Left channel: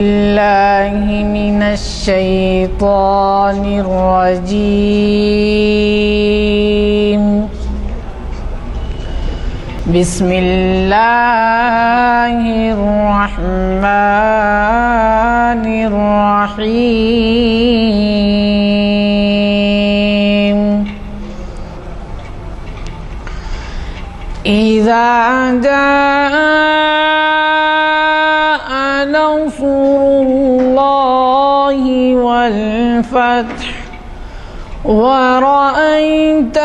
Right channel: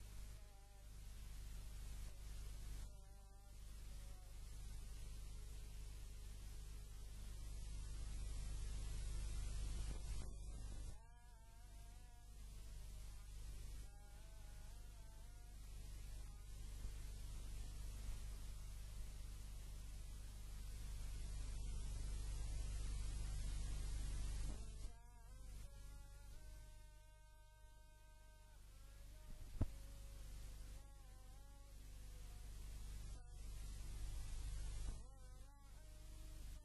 بالله من الشيطان الرجيم. بسم الله الرحمن الرحيم. إذا جاء نصر الله والفتح ورأيت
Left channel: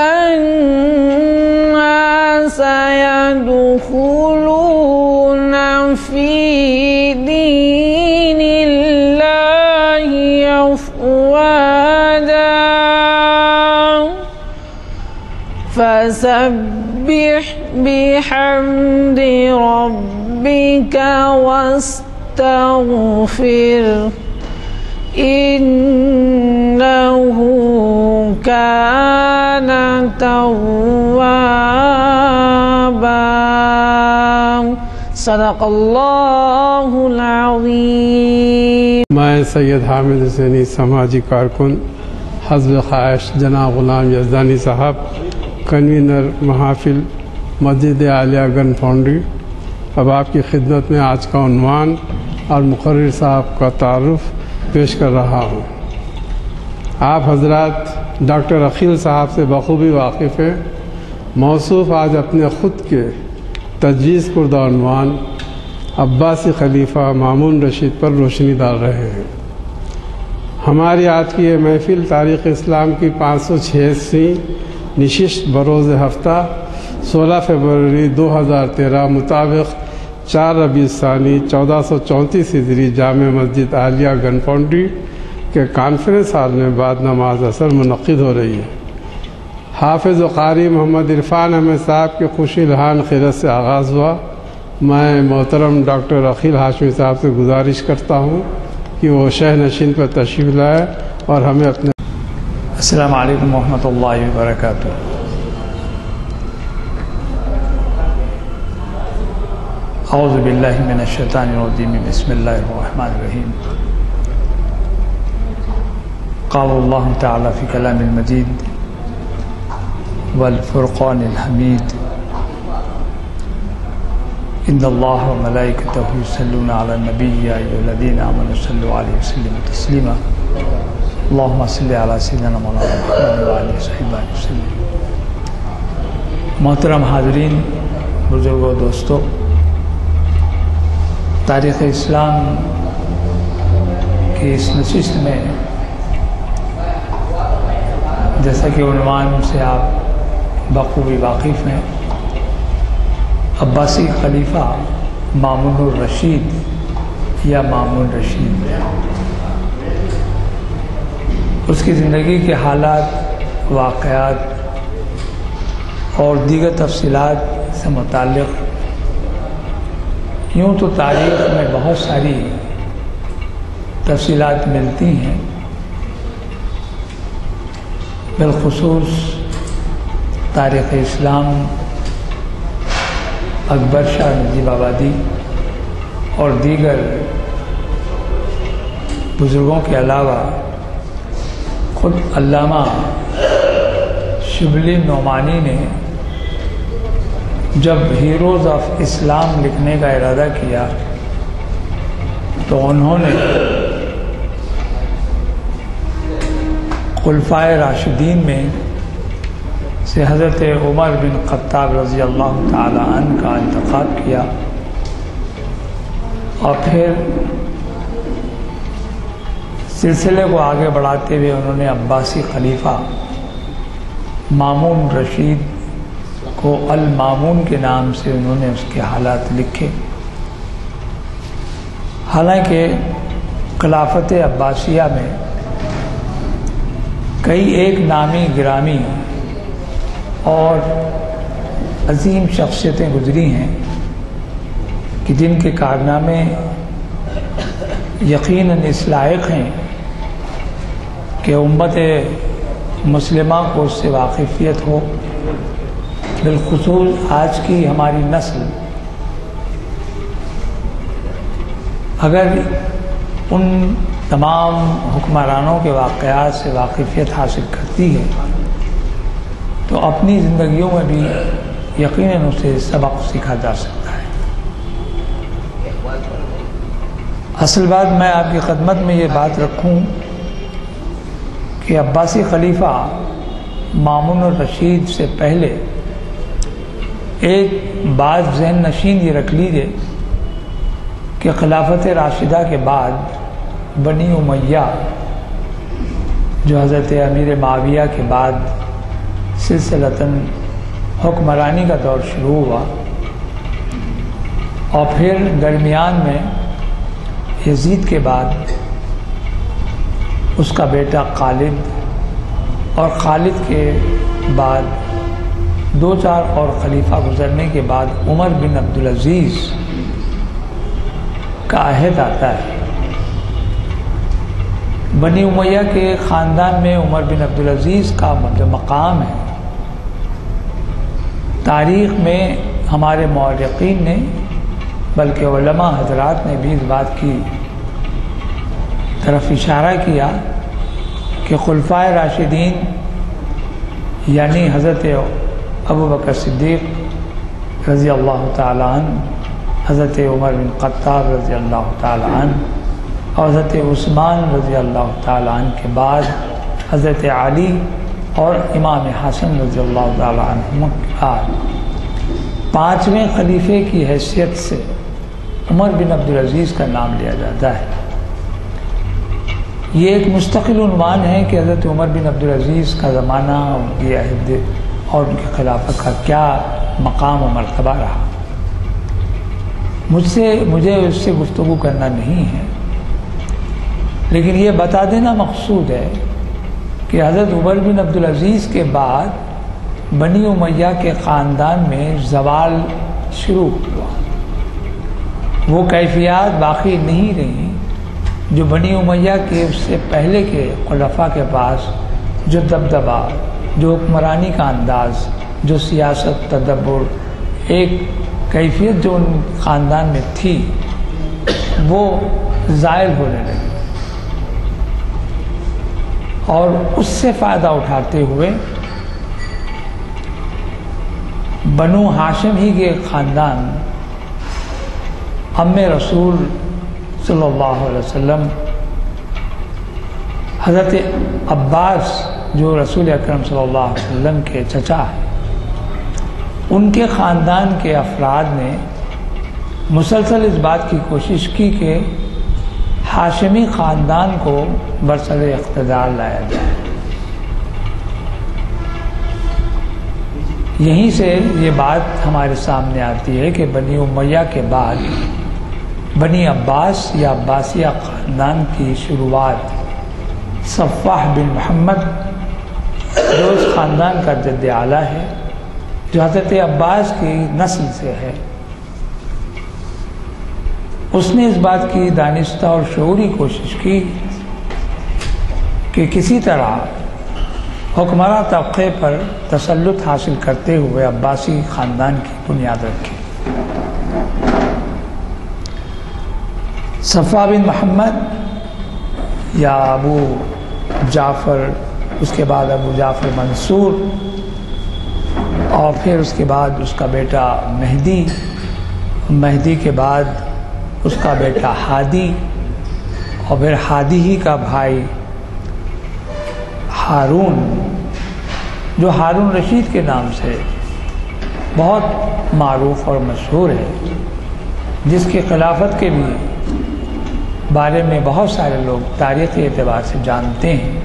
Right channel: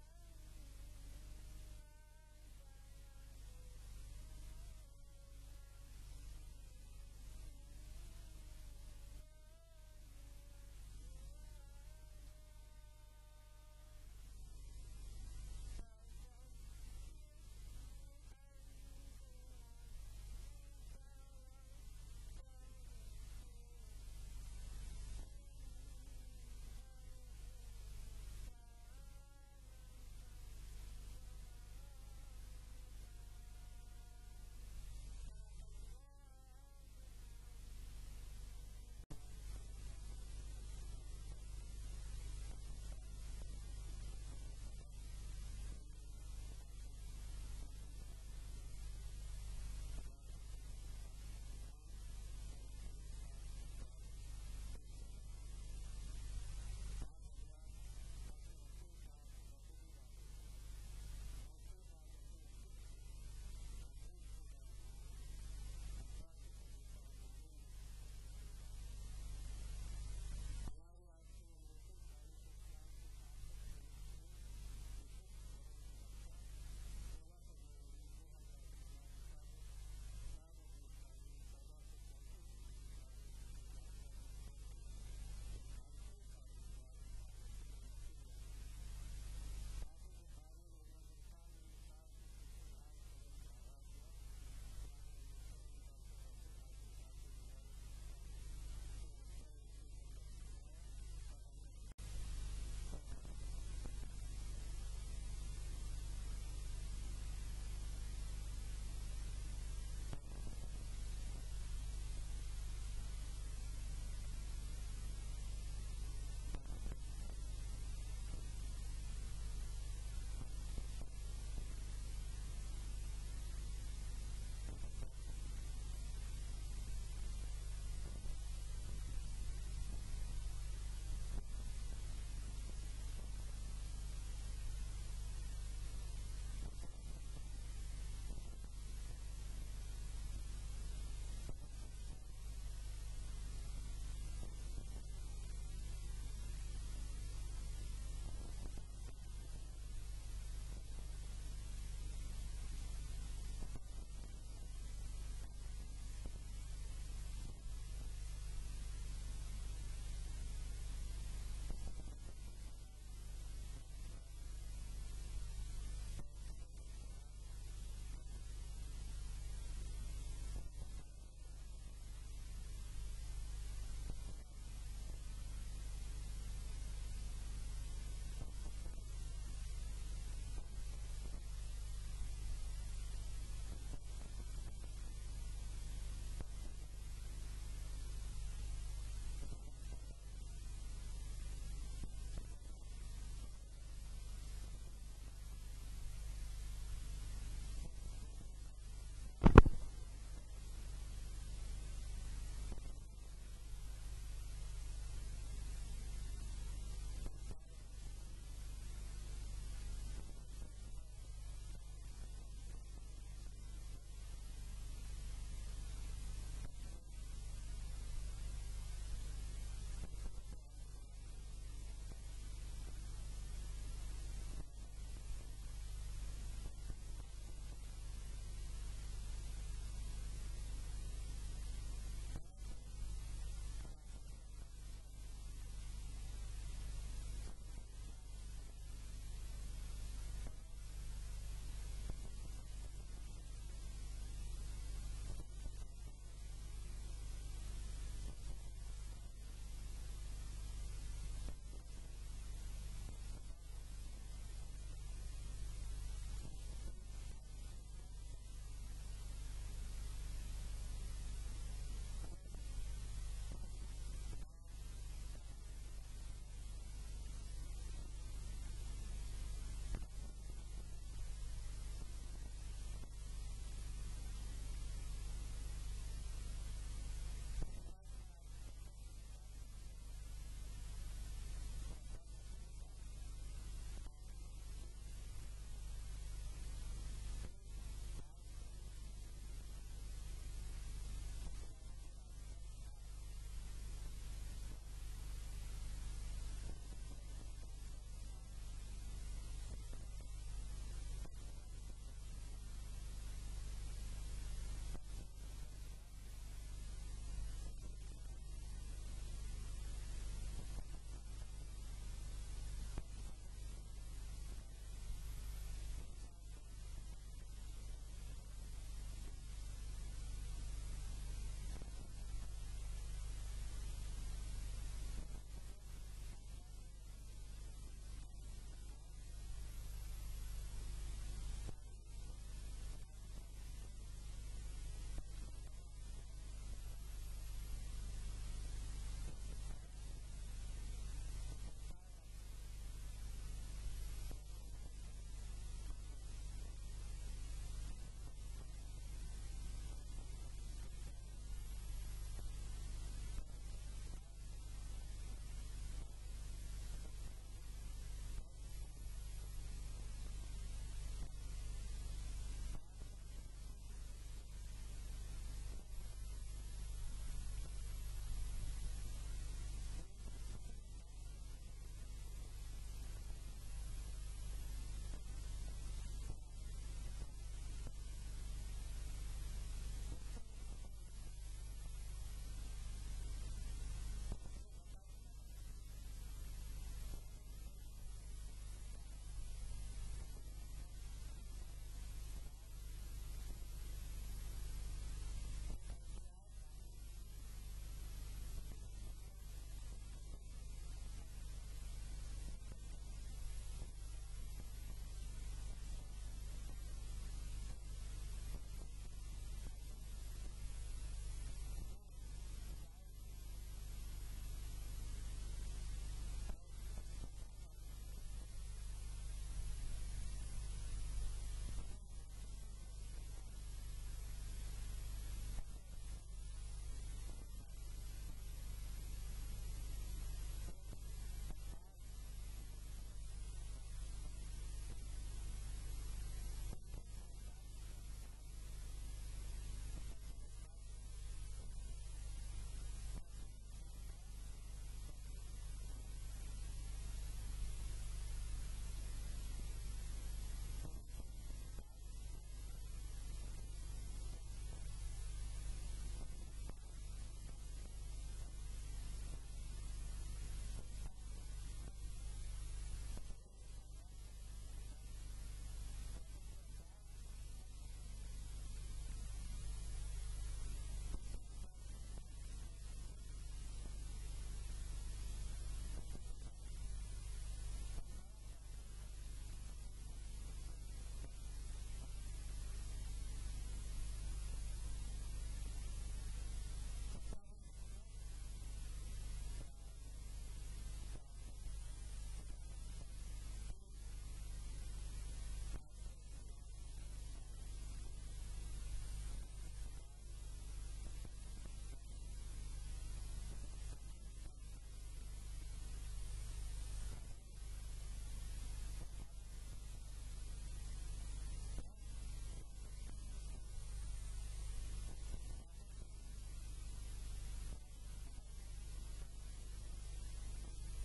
الناس يدخلون في دين الله أفواجا فسبح بحمد ربك واستغفر إنه كان توابا. صدق اللہ العظیم. میں سید حامد حسینی سماجی کارکن حزب خواہش جناب غلام یزدانی صاحب کنوینر محافل مسجد عالیہ گن فاؤنڈری اب آپ کی خدمت میں آج کا عنوان اور مقرر صاحب کا تعارف پیش کر رہا ہوں. آپ حضرات ڈاکٹر عقیل صاحب سے بخوبی واقف ہیں. موصوف آج اپنے خود کے تجویز کردہ عنوان عباسی خلیفہ مامون رشید پر روشنی ڈال رہے ہیں. ہماری آج کی یہ محفل تاریخ اسلام کی 586 نشست بروز ہفتہ 16 فروری 2013 مطابق 4 ربیع الثانی 1434 ہجری جامع مسجد عالیہ گن فاؤنڈری کے کانفرنس ہال میں بعد نماز عصر منعقد ہو رہی ہے. حافظ و قاری محمد عرفان احمد صاحب کے خوشی الہان خیرت سے آغاز ہوا. میں محترم ڈاکٹر عقیل ہاشمی صاحب سے گزارش کرتا ہوں کہ وہ شہ نشین پر تشریف لائے اور ہمیں اپنے السلام علیکم ورحمۃ اللہ وبرکاتہ. اعوذ باللہ من الشیطان الرجیم. بسم اللہ الرحمن الرحیم. قال اللہ تعالی فی کلام المجید والفرقان الحمید ان اللہ وملائکتہ یصلون علی النبی یا ایھا الذین آمنوا صلوا علیہ وسلموا تسلیما. اللہم صلی علی سیدنا مولانا محمد وعلی صحبہ وسلم. محترم حاضرین، بزرگوں، دوستوں، تاریخ اسلام کی اس نشست میں جیسا کہ عنوان سے آپ بخوبی واقف ہیں، عباسی خلیفہ مامون الرشید یا مامون رشید، اس کی زندگی کے حالات، واقعات اور دیگر تفصیلات سے متعلق یوں تو تاریخ میں بہت ساری تفصیلات ملتی ہیں، بالخصوص تاریخ اسلام اکبر شاہ نجیب آبادی اور دیگر بزرگوں کے علاوہ خود علامہ شبلی نعمانی نے جب ہیروز آف اسلام لکھنے کا ارادہ کیا تو انہوں نے خلفائے راشدین میں سے حضرت عمر بن خطاب رضی اللہ تعالی عنہ کا انتخاب کیا اور پھر سلسلے کو آگے بڑھاتے ہوئے انہوں نے عباسی خلیفہ مامون رشید کو المامون کے نام سے انہوں نے اس کے حالات لکھے. حالانکہ خلافت عباسیہ میں کئی ایک نامی گرامی اور عظیم شخصیتیں گزری ہیں کہ جن کے کارنامے یقیناً اس لائق ہیں کہ امت مسلمہ کو اس سے واقفیت ہو. بالخصوص آج کی ہماری نسل اگر ان تمام حکمرانوں کے واقعات سے واقفیت حاصل کرتی ہے تو اپنی زندگیوں میں بھی یقیناً اسے سبق سیکھا جا سکتا ہے۔ اصل بات میں آپ کی خدمت میں یہ بات رکھوں کہ عباسی خلیفہ مامون الرشید سے پہلے ایک بات ذہن نشین یہ رکھ لیجیے کہ خلافت راشدہ کے بعد بنی امیہ جو حضرت امیر معاویہ کے بعد سلسلتاً حکمرانی کا دور شروع ہوا اور پھر درمیان میں یزید کے بعد اس کا بیٹا خالد اور خالد کے بعد 2-4 اور خلیفہ گزرنے کے بعد عمر بن عبدالعزیز کا عہد آتا ہے۔ بنی امیہ کے خاندان میں عمر بن عبدالعزیز کا جو مقام ہے تاریخ میں ہمارے مورخین نے بلکہ علماء حضرات نے بھی اس بات کی طرف اشارہ کیا کہ خلفائے راشدین یعنی حضرت ابوبکر صدیق رضی اللہ تعالیٰ عنہ، حضرت عمر بن خطاب رضی اللہ تعالیٰ عنہ اور حضرت عثمان رضی اللہ تعالیٰ عنہ کے بعد حضرت علی اور امام حسن رضی اللہ تعالیٰ عنہ کے بعد 5ویں خلیفے کی حیثیت سے عمر بن عبدالعزیز کا نام لیا جاتا ہے۔ یہ ایک مستقل عنوان ہے کہ حضرت عمر بن عبدالعزیز کا زمانہ یہ عہد اور ان کی خلافت کا کیا مقام و مرتبہ رہا۔ مجھے اس سے گفتگو کرنا نہیں ہے، لیکن یہ بتا دینا مقصود ہے کہ حضرت عمر بن عبدالعزیز کے بعد بنی امیہ کے خاندان میں زوال شروع ہوا۔ وہ کیفیات باقی نہیں رہیں جو بنی امیہ کے اس سے پہلے کے خلفاء کے پاس جو دبدبہ، جو حکمرانی کا انداز، جو سیاست، تدبر، ایک کیفیت جو ان خاندان میں تھی وہ زائل ہونے لگی، اور اس سے فائدہ اٹھاتے ہوئے بنو ہاشم ہی کے خاندان ام رسول صلی اللہ علیہ وسلم حضرت عباس جو رسول اکرم صلی اللہ علیہ وسلم کے چچا ہیں، ان کے خاندان کے افراد نے مسلسل اس بات کی کوشش کی کہ ہاشمی خاندان کو برسر اقتدار لایا جائے۔ یہیں سے یہ بات ہمارے سامنے آتی ہے کہ بنی امیہ کے بعد بنی عباس یا عباسیہ خاندان کی شروعات صفاح بن محمد جو اس خاندان کا جد اعلیٰ ہے، جو حضرت عباس کی نسل سے ہے، اس نے اس بات کی دانستہ اور شعوری کوشش کی کہ کسی طرح حکمراں طبقے پر تسلط حاصل کرتے ہوئے عباسی خاندان کی بنیاد رکھی۔ صفا بن محمد یا ابو جعفر، اس کے بعد ابو جعفر منصور، اور پھر اس کے بعد اس کا بیٹا مہدی، مہدی کے بعد اس کا بیٹا ہادی، اور پھر ہادی ہی کا بھائی ہارون، جو ہارون رشید کے نام سے بہت معروف اور مشہور ہے، جس کی خلافت کے بھی بارے میں بہت سارے لوگ تاریخی اعتبار سے جانتے ہیں۔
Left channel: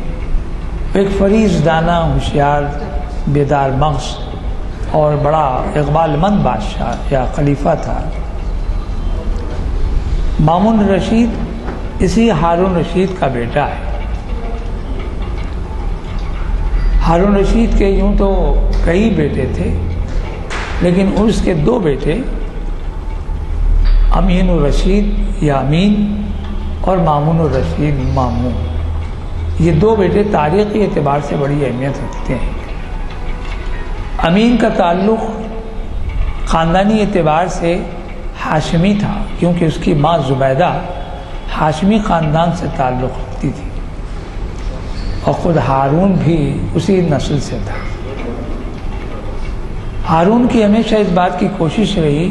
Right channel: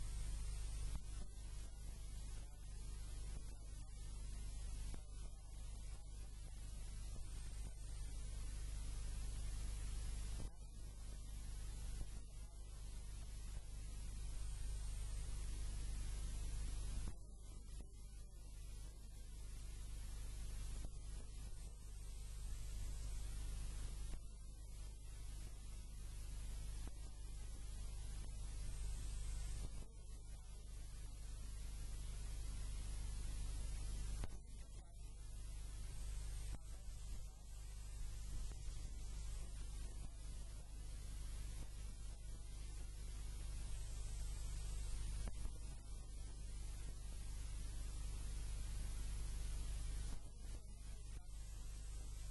ایک فریض دانہ، ہوشیار، بیدار مغز اور بڑا اقبال مند بادشاہ یا خلیفہ تھا۔ مامون رشید اسی ہارون رشید کا بیٹا ہے۔ ہارون رشید کے یوں تو کئی بیٹے تھے، لیکن اس کے 2 بیٹے امین الرشید یا امین اور مامون الرشید مامون، یہ 2 بیٹے تاریخی اعتبار سے بڑی اہمیت رکھتے ہیں۔ امین کا تعلق خاندانی اعتبار سے ہاشمی تھا، کیونکہ اس کی ماں زبیدہ ہاشمی خاندان سے تعلق رکھتی تھی اور خود ہارون بھی اسی نسل سے تھا۔ ہارون کی ہمیشہ اس بات کی کوشش رہی،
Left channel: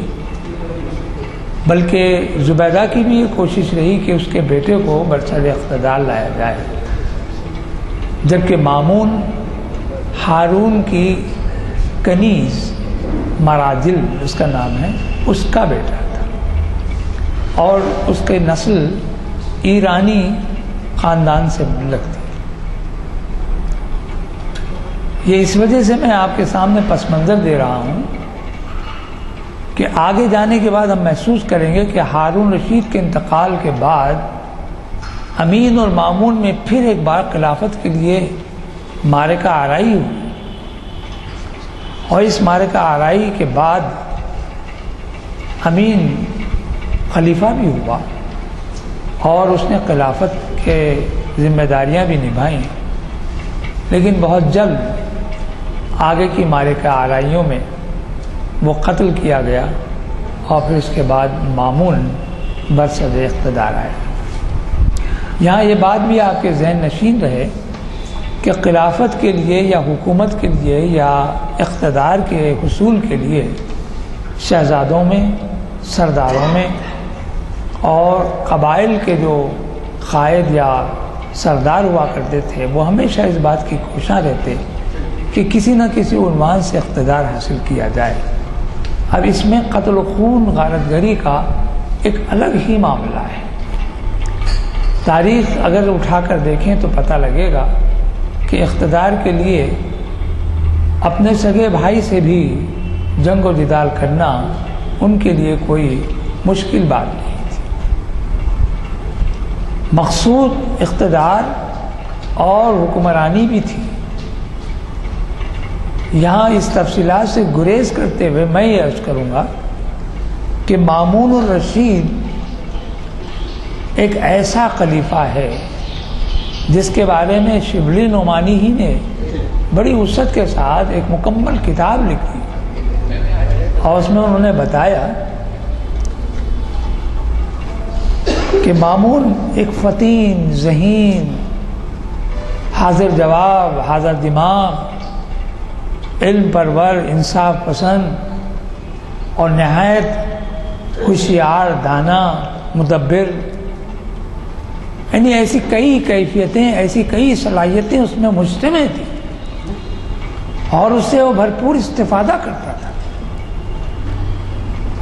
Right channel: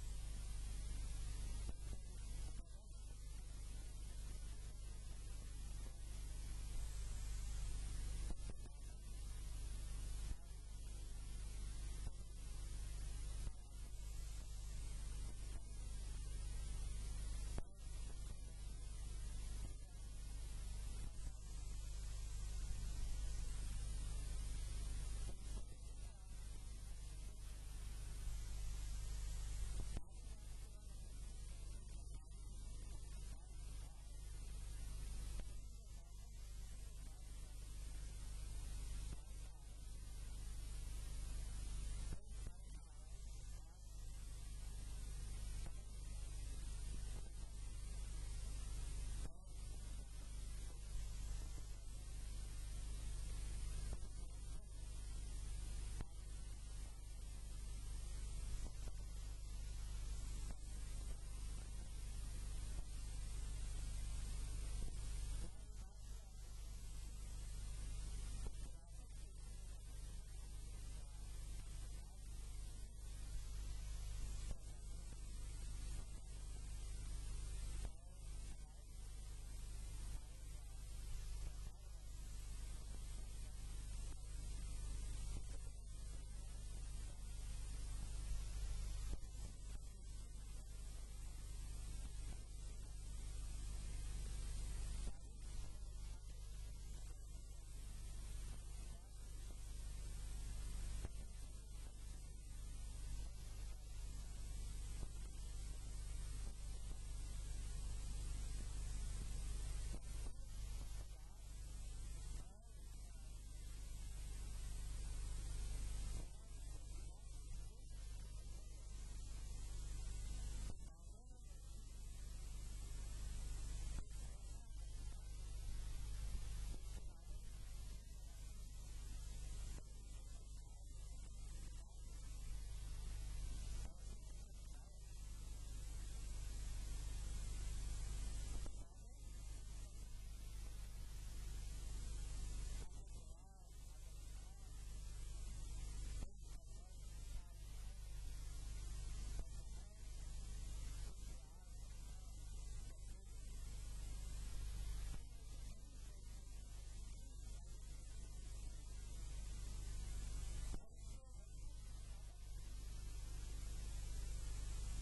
بلکہ زبیدہ کی بھی یہ کوشش رہی کہ اس کے بیٹے کو برسر اقتدار لایا جائے، جبکہ مامون ہارون کی کنیز مراجل اس کا نام ہے، اس کا بیٹا تھا اور اس کے نسل ایرانی خاندان سے لگتی۔ یہ اس وجہ سے میں آپ کے سامنے پس منظر دے رہا ہوں کہ آگے جانے کے بعد ہم محسوس کریں گے کہ ہارون رشید کے انتقال کے بعد امین اور مامون میں پھر ایک بار خلافت کے لیے معرکہ آرائی ہوئی، اور اس معرکہ آرائی کے بعد امین خلیفہ بھی ہوا اور اس نے خلافت کے ذمہ داریاں بھی نبھائیں، لیکن بہت جلد آگے کی معرکہ آرائیوں میں وہ قتل کیا گیا اور پھر اس کے بعد مامون برصدر اقتدار آئے۔ یہاں یہ بات بھی آپ کے ذہن نشین رہے کہ خلافت کے لیے یا حکومت کے لیے یا اقتدار کے حصول کے لیے شہزادوں میں، سرداروں میں اور قبائل کے جو قائد یا سردار ہوا کرتے تھے وہ ہمیشہ اس بات کی کوشاں رہتے کہ کسی نہ کسی عنوان سے اقتدار حاصل کیا جائے۔ اب اس میں قتل و خون، غارت گری کا ایک الگ ہی معاملہ ہے۔ تاریخ اگر اٹھا کر دیکھیں تو پتہ لگے گا کہ اقتدار کے لیے اپنے سگے بھائی سے بھی جنگ و جدال کرنا ان کے لیے کوئی مشکل بات نہیں تھی۔ مقصود اقتدار اور حکمرانی بھی تھی۔ یہاں اس تفصیلات سے گریز کرتے ہوئے میں یہ عرض کروں گا کہ مامون الرشید ایک ایسا خلیفہ ہے جس کے بارے میں شبلی نعمانی ہی نے بڑی وسعت کے ساتھ ایک مکمل کتاب لکھی اور اس میں انہوں نے بتایا کہ مامون ایک فطین، ذہین، حاضر جواب، حاضر دماغ، علم پرور، انصاف پسند اور نہایت ہوشیار، دانا، مدبر، یعنی ایسی کئی کیفیتیں، ایسی کئی صلاحیتیں اس میں مجتمع تھیں اور اس سے وہ بھرپور استفادہ کرتا تھا۔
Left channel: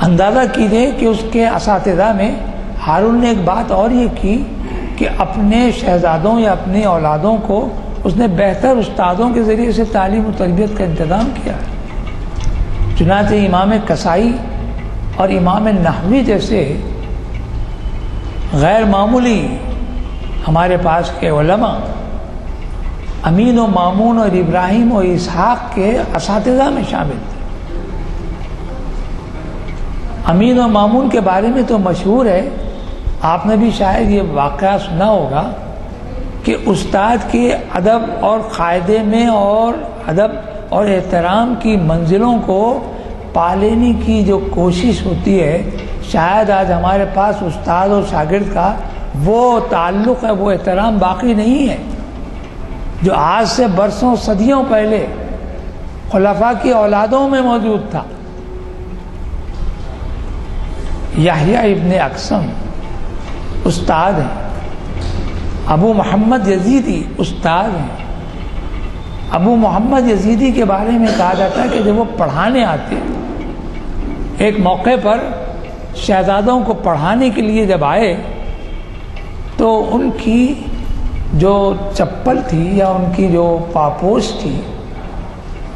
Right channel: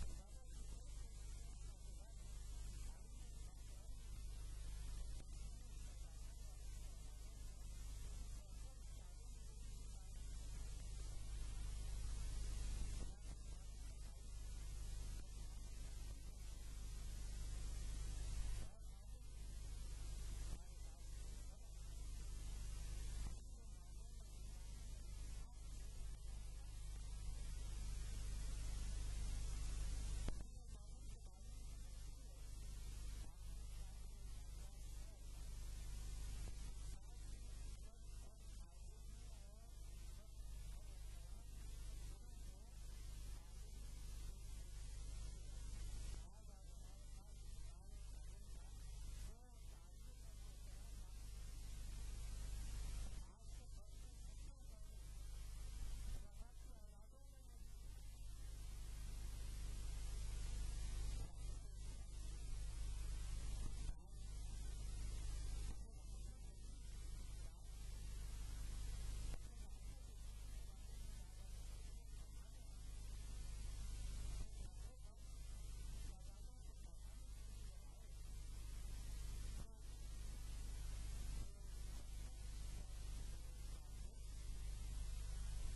اندازہ کیجئے کہ اس کے اساتذہ میں ہارون نے ایک بات اور یہ کی کہ اپنے شہزادوں یا اپنی اولادوں کو اس نے بہتر استادوں کے ذریعے سے تعلیم و تربیت کا انتظام کیا۔ چنانچہ امام کسائی اور امام نحوی جیسے غیر معمولی ہمارے پاس کے علماء امین و مامون اور ابراہیم و اسحاق کے اساتذہ میں شامل تھے۔ امین و مامون کے بارے میں تو مشہور ہے، آپ نے بھی شاید یہ واقعہ سنا ہوگا کہ استاد کے ادب اور قاعدے میں اور ادب اور احترام کی منزلوں کو پا لینے کی جو کوشش ہوتی ہے، شاید آج ہمارے پاس استاد اور شاگرد کا وہ تعلق ہے، وہ احترام باقی نہیں ہے جو آج سے برسوں صدیوں پہلے خلفاء کی اولادوں میں موجود تھا۔ یحییٰ ابن اقسم استاد ہیں، ابو محمد یزیدی استاد ہیں۔ ابو محمد یزیدی کے بارے میں کہا جاتا ہے کہ جب وہ پڑھانے آتے، ایک موقع پر شہزادوں کو پڑھانے کے لیے جب آئے تو ان کی جو چپل تھی یا ان کی جو پاپوش تھی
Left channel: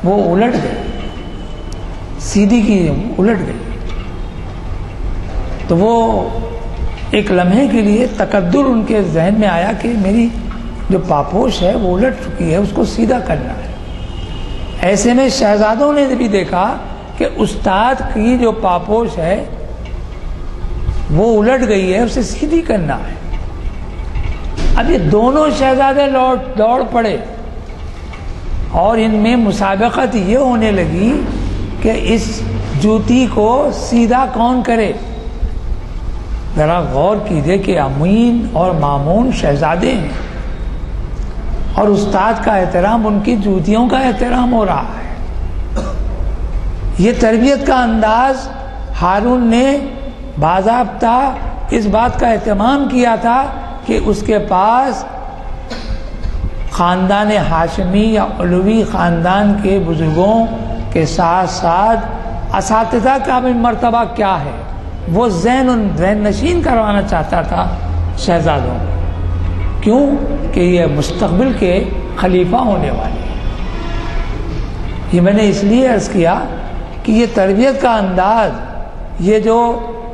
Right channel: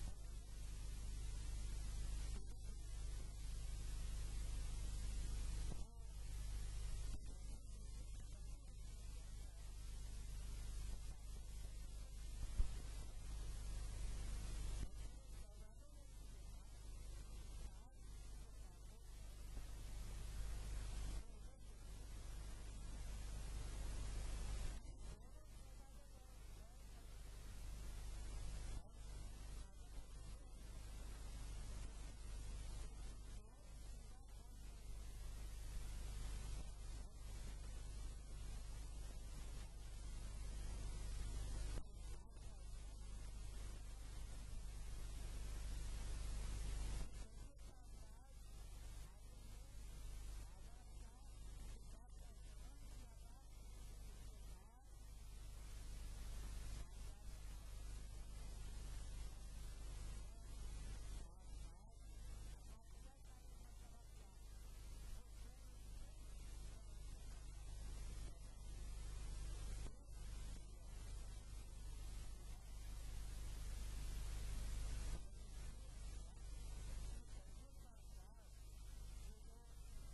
وہ الٹ گئی، سیدھی کی الٹ گئی، تو وہ ایک لمحے کے لیے تقدر ان کے ذہن میں آیا کہ میری جو پاپوش ہے وہ الٹ چکی ہے، اس کو سیدھا کرنا ہے۔ ایسے میں شہزادوں نے بھی دیکھا کہ استاد کی جو پاپوش ہے وہ الٹ گئی ہے، اسے سیدھی کرنا ہے۔ اب یہ دونوں شہزادے دوڑ پڑے اور ان میں مسابقت یہ ہونے لگی کہ اس جوتی کو سیدھا کون کرے۔ ذرا غور کیجئے کہ امین اور مامون شہزادے ہیں اور استاد کا احترام ان کی جوتیوں کا احترام ہو رہا ہے۔ یہ تربیت کا انداز ہارون نے باضابطہ اس بات کا اہتمام کیا تھا کہ اس کے پاس خاندان ہاشمی یا علوی خاندان کے بزرگوں کے ساتھ ساتھ اساتذہ کا بھی مرتبہ کیا ہے، وہ ذہن نشین کروانا چاہتا تھا شہزادوں کو۔ کیوں کہ یہ مستقبل کے خلیفہ ہونے والے ہیں۔ یہ میں نے اس لیے عرض کیا کہ یہ تربیت کا انداز، یہ جو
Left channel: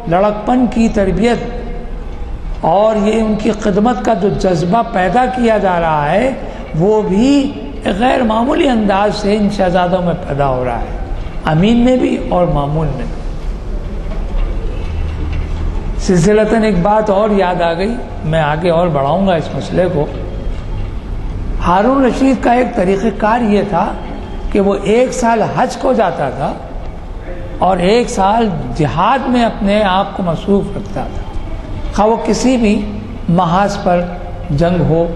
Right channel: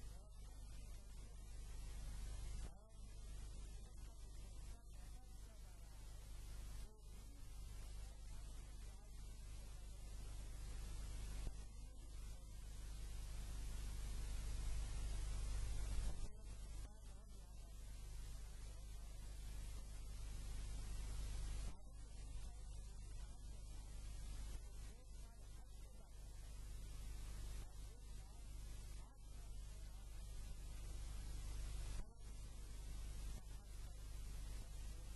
لڑکپن کی تربیت اور یہ ان کی خدمت کا جو جذبہ پیدا کیا جا رہا ہے، وہ بھی غیر معمولی انداز سے ان شہزادوں میں پیدا ہو رہا ہے، امین میں بھی اور مامون میں بھی۔ سلسلتاً ایک بات اور یاد آ گئی، میں آگے اور بڑھاؤں گا اس مسئلے کو۔ ہارون رشید کا ایک طریقہ کار یہ تھا کہ وہ 1 سال حج کو جاتا تھا اور 1 سال جہاد میں اپنے آپ کو مصروف رکھتا تھا، خواہ وہ کسی بھی محاذ پر جنگ ہو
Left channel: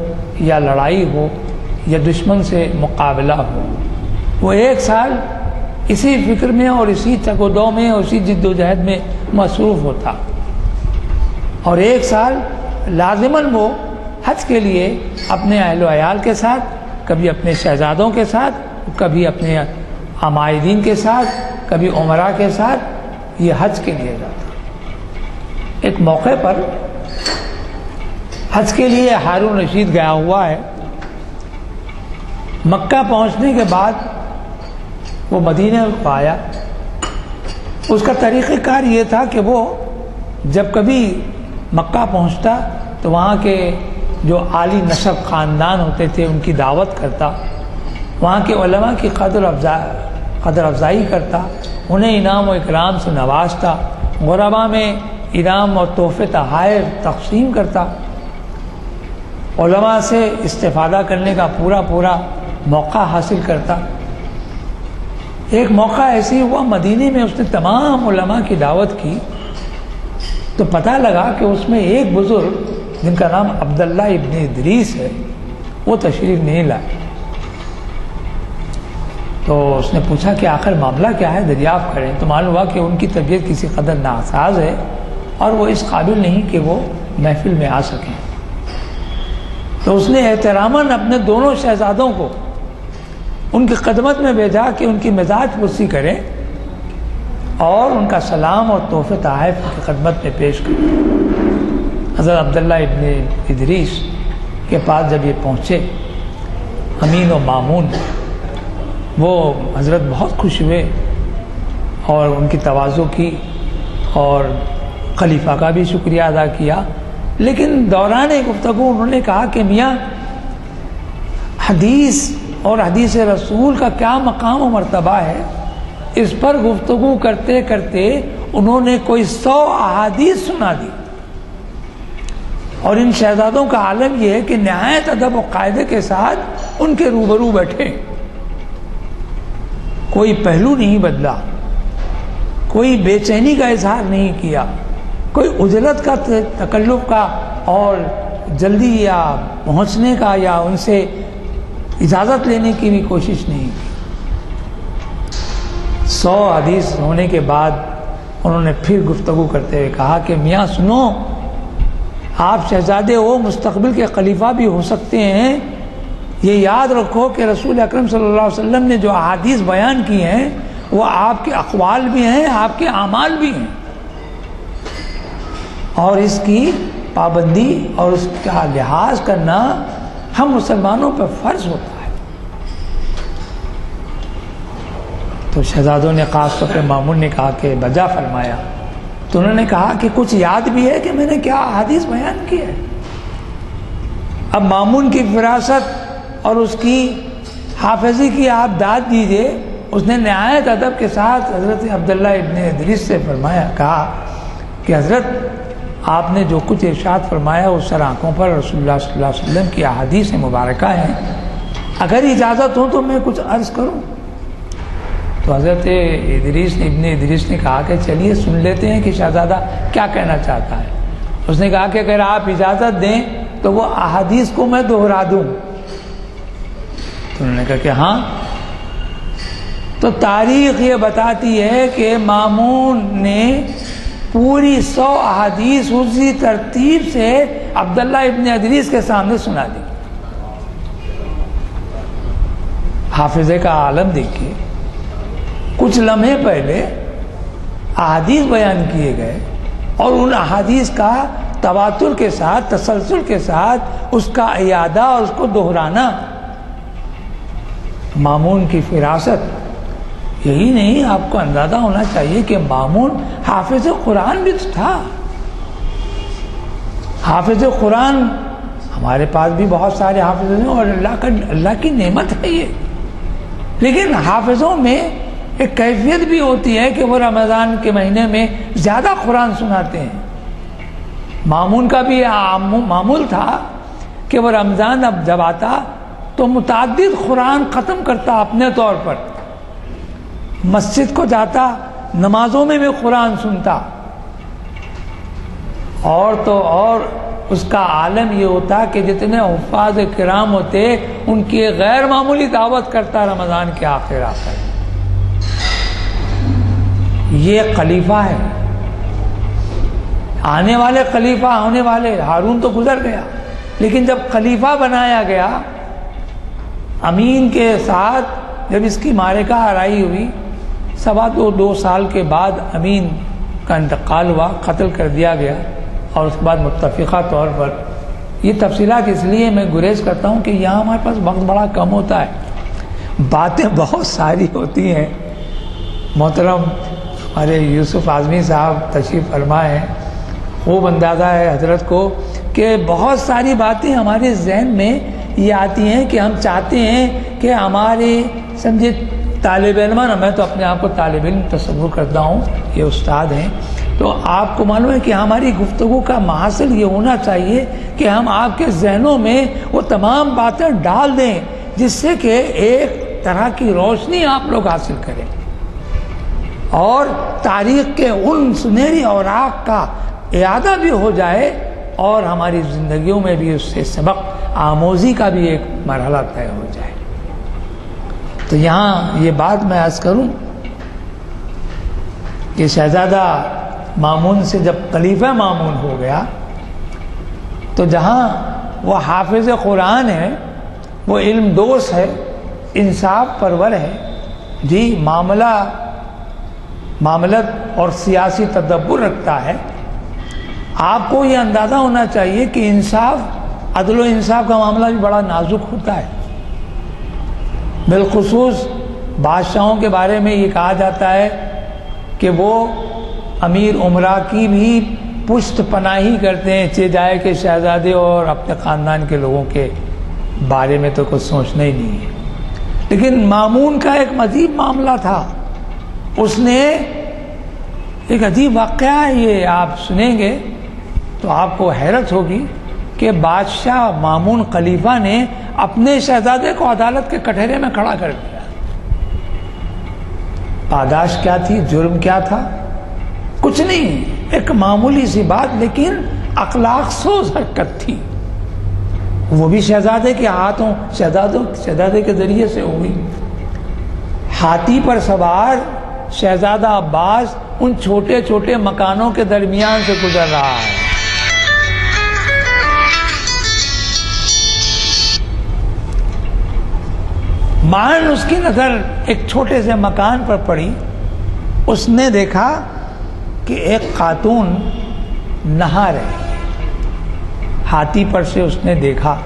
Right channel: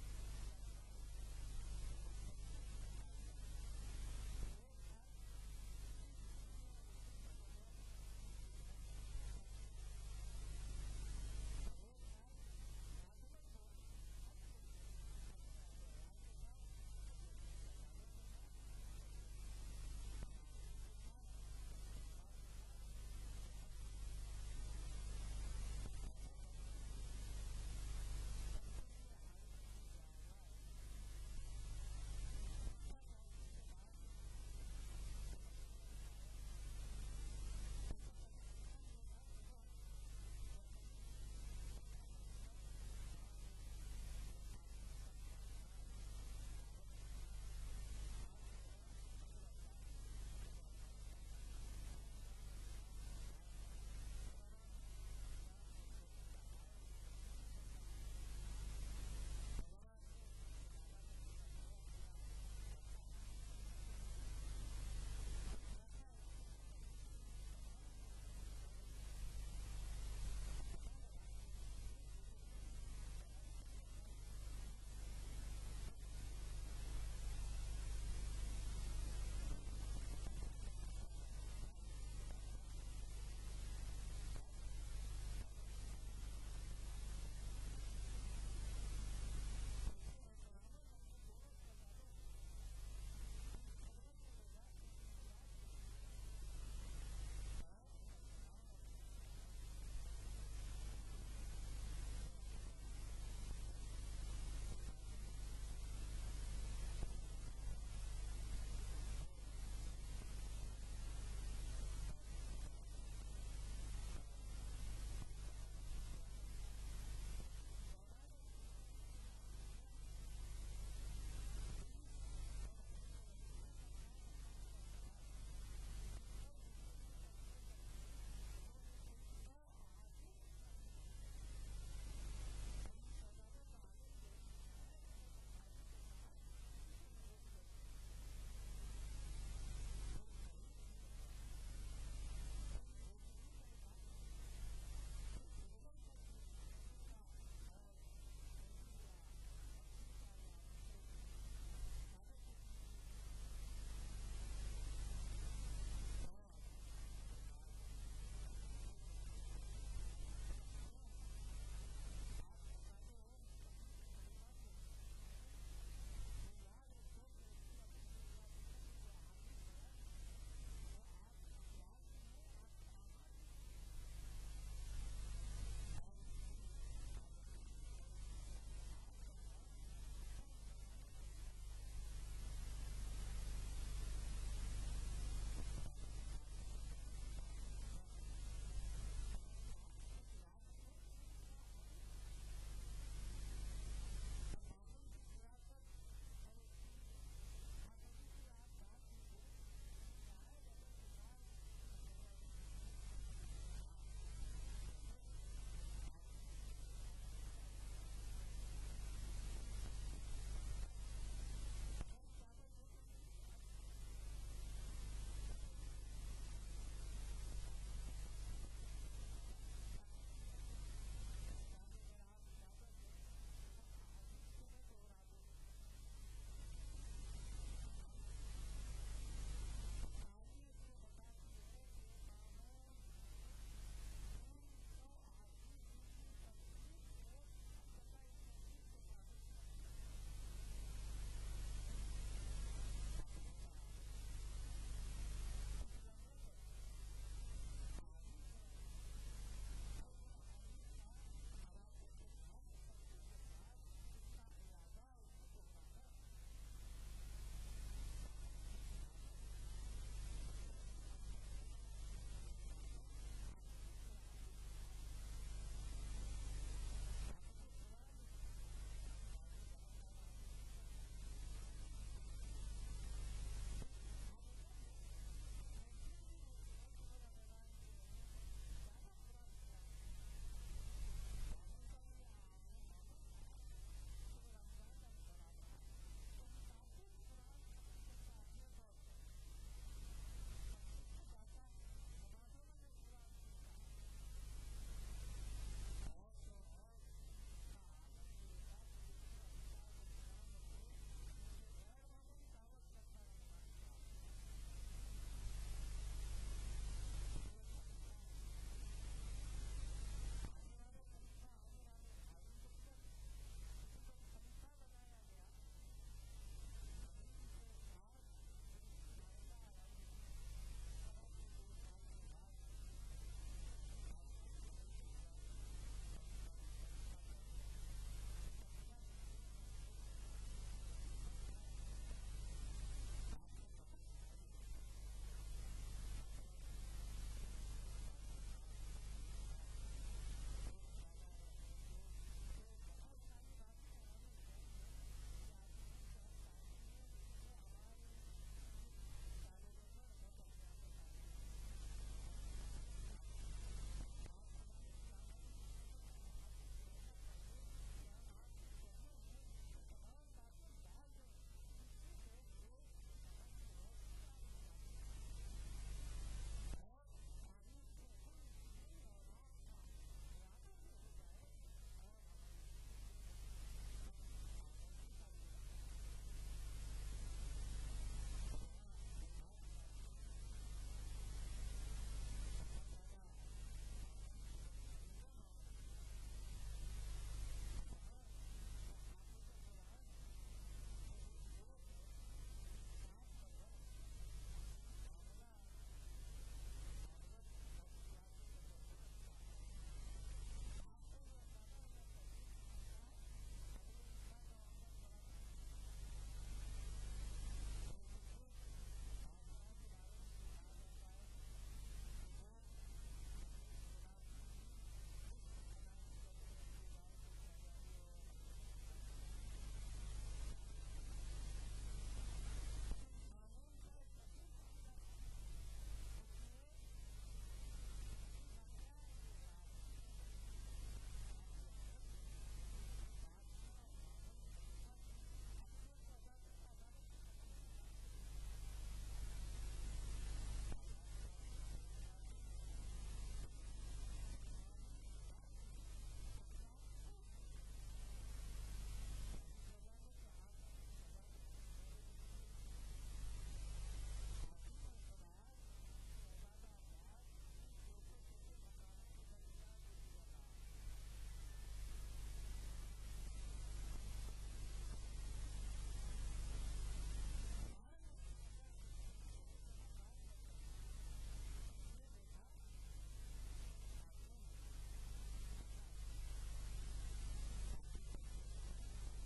یا لڑائی ہو یا دشمن سے مقابلہ ہو۔ وہ 1 سال اسی فکر میں اور اسی چک و دو میں اور اسی جد و جہد میں مصروف ہوتا، اور 1 سال لازماً وہ حج کے لیے اپنے اہل و عیال کے ساتھ، کبھی اپنے شہزادوں کے ساتھ، کبھی اپنے عمائدین کے ساتھ، کبھی عمراء کے ساتھ یہ حج کے لیے جاتا۔ ایک موقع پر حج کے لیے ہارون رشید گیا ہوا ہے، مکہ پہنچنے کے بعد وہ مدینہ کو آیا۔ اس کا طریقہ کار یہ تھا کہ وہ جب کبھی مکہ پہنچتا تو وہاں کے جو عالی نسب خاندان ہوتے تھے ان کی دعوت کرتا، وہاں کے علماء کی قدر افزائی کرتا، انہیں انعام و اکرام سے نوازتا، غرباء میں انعام اور تحفے تحائف تقسیم کرتا، علماء سے استفادہ کرنے کا پورا موقع حاصل کرتا۔ ایک موقع ایسی ہوا مدینے میں، اس نے تمام علماء کی دعوت کی تو پتہ لگا کہ اس میں ایک بزرگ جن کا نام عبداللہ ابن ادریس ہے وہ تشریف نہیں لائے۔ تو اس نے پوچھا کہ آخر معاملہ کیا ہے، دریافت کریں۔ تو معلوم ہوا کہ ان کی طبیعت کسی قدر ناساز ہے اور وہ اس قابل نہیں کہ وہ محفل میں آ سکیں۔ تو اس نے احتراماً اپنے دونوں شہزادوں کو ان کی خدمت میں بھیجا کہ ان کی مزاج پرسی کریں اور ان کا سلام اور تحفے تحائف کی خدمت میں پیش کریں۔ حضرت عبداللہ ابن ادریس کے پاس جب یہ پہنچے امین و مامون، وہ حضرت بہت خوش ہوئے اور ان کی تواضع کی اور خلیفہ کا بھی شکریہ ادا کیا، لیکن دوران گفتگو انہوں نے کہا کہ میاں حدیث اور حدیث رسول کا کیا مقام و مرتبہ ہے، اس پر گفتگو کرتے کرتے انہوں نے کوئی 100 احادیث سنا دی، اور ان شہزادوں کا عالم یہ ہے کہ نہایت ادب و قاعدے کے ساتھ ان کے روبرو بیٹھے، کوئی پہلو نہیں بدلا، کوئی بے چینی کا اظہار نہیں کیا، کوئی عجلت کا تکلف کا اور جلدی یا پہنچنے کا یا ان سے اجازت لینے کی بھی کوشش نہیں کی۔ 100 حدیث ہونے کے بعد انہوں نے پھر گفتگو کرتے ہوئے کہا کہ میاں سنو، آپ شہزادے ہو، مستقبل کے خلیفہ بھی ہو سکتے ہیں، یہ یاد رکھو کہ رسول اکرم صلی اللہ علیہ وسلم نے جو احادیث بیان کی ہیں وہ آپ کے اقوال بھی ہیں، آپ کے اعمال بھی ہیں، اور اس کی پابندی اور اس کا لحاظ کرنا ہم مسلمانوں پر فرض ہوتا ہے۔ تو شہزادوں نے خاص طور پہ مامون نے کہا کہ بجا فرمایا، تو انہوں نے کہا کہ کچھ یاد بھی ہے کہ میں نے کیا حدیث بیان کی ہے۔ اب مامون کی فراست اور اس کی حافظی کی آپ داد دیجئے۔ اس نے نہایت ادب کے ساتھ حضرت عبداللہ ابن ادریس سے فرمایا، کہا کہ حضرت آپ نے جو کچھ ارشاد فرمایا اس سر آنکھوں پر رسول اللہ صلی اللہ علیہ وسلم کی احادیث مبارکہ ہیں، اگر اجازت ہو تو میں کچھ عرض کروں۔ تو حضرت ابن ادریس نے کہا کہ چلیے سن لیتے ہیں کہ شہزادہ کیا کہنا چاہتا ہے۔ اس نے کہا کہ اگر آپ اجازت دیں تو وہ احادیث کو میں دہرا دوں. تو انہوں نے کہا کہ ہاں. تو تاریخ یہ بتاتی ہے کہ مامون نے پوری 100 احادیث اسی ترتیب سے عبداللہ ابن ادریس کے سامنے سنا دی. حافظے کا عالم دیکھیے، کچھ لمحے پہلے احادیث بیان کیے گئے اور ان احادیث کا تواتر کے ساتھ، تسلسل کے ساتھ اس کا اعادہ اور اس کو دہرانا. مامون کی فراست. یہی نہیں، آپ کو اندازہ ہونا چاہیے کہ مامون حافظ قرآن بھی تھا. حافظ قرآن ہمارے پاس بھی بہت سارے حافظ ہیں اور اللہ کی نعمت ہے یہ. لیکن حافظوں میں ایک کیفیت بھی ہوتی ہے کہ وہ رمضان کے مہینے میں زیادہ قرآن سناتے ہیں. مامون کا بھی معمول تھا کہ وہ رمضان اب جب آتا تو متعدد قرآن ختم کرتا اپنے طور پر. مسجد کو جاتا، نمازوں میں بھی قرآن سنتا. اور تو اور اس کا عالم یہ ہوتا کہ جتنے حفاظ کرام ہوتے ان کی غیر معمولی دعوت کرتا رمضان کے آخر. یہ خلیفہ ہے، آنے والے خلیفہ ہونے والے. ہارون تو گزر گیا، لیکن جب خلیفہ بنایا گیا امین کے ساتھ، جب اس کی معرکہ آرائی ہوئی، 2 سال کے بعد امین کا انتقال ہوا، قتل کر دیا گیا. اور اس کے بعد متفقہ طور پر، یہ تفصیلات اس لیے میں گریز کرتا ہوں کہ یہاں ہمارے پاس وقت بڑا کم ہوتا ہے، باتیں بہت ساری ہوتی ہیں. محترم ہمارے یوسف اعظمی صاحب تشریف فرما ہیں، خوب اندازہ ہے حضرت کو کہ بہت ساری باتیں ہمارے ذہن میں یہ آتی ہیں کہ ہم چاہتے ہیں کہ ہمارے سمجھے طالب علم، میں تو اپنے آپ کو طالب علم تصور کرتا ہوں، یہ استاد ہیں، تو آپ کو معلوم ہے کہ ہماری گفتگو کا محاصل یہ ہونا چاہیے کہ ہم آپ کے ذہنوں میں وہ تمام باتیں ڈال دیں جس سے کہ ایک طرح کی روشنی آپ لوگ حاصل کریں اور تاریخ کے ان سنہری اوراق کا اعادہ بھی ہو جائے اور ہماری زندگیوں میں بھی اس سے سبق آموزی کا بھی ایک مرحلہ طے ہو جائے. تو یہاں یہ بات میں عرض کروں کہ شہزادہ مامون سے جب خلیفہ مامون ہو گیا تو جہاں وہ حافظ قرآن ہے، وہ علم دوست ہے، انصاف پرور ہے، جی معاملت اور سیاسی تدبر رکھتا ہے. آپ کو یہ اندازہ ہونا چاہیے کہ انصاف، عدل و انصاف کا معاملہ بھی بڑا نازک ہوتا ہے. بالخصوص بادشاہوں کے بارے میں یہ کہا جاتا ہے کہ وہ امیر امراء کی بھی پشت پناہی کرتے ہیں، چہ جائے کہ شہزادے اور اپنے خاندان کے لوگوں کے بارے میں تو کچھ سوچنا ہی نہیں ہے. لیکن مامون کا ایک عجیب معاملہ تھا. اس نے ایک عجیب واقعہ ہے، یہ آپ سنیں گے تو آپ کو حیرت ہوگی کہ بادشاہ مامون خلیفہ نے اپنے شہزادے کو عدالت کے کٹہرے میں کھڑا کر دیا. پاداش کیا تھی، جرم کیا تھا؟ کچھ نہیں، ایک معمولی سی بات، لیکن اخلاق سوز حرکت تھی. وہ بھی شہزادے کے ہاتھوں، شہزادے کے ذریعے سے ہوئی. ہاتھی پر سوار شہزادہ عباس ان چھوٹے چھوٹے مکانوں کے درمیان سے گزر رہا ہے. معاً اس کی نظر ایک چھوٹے سے مکان پر پڑی. اس نے دیکھا کہ ایک خاتون نہا رہی ہے. ہاتھی پر سے اس نے دیکھا.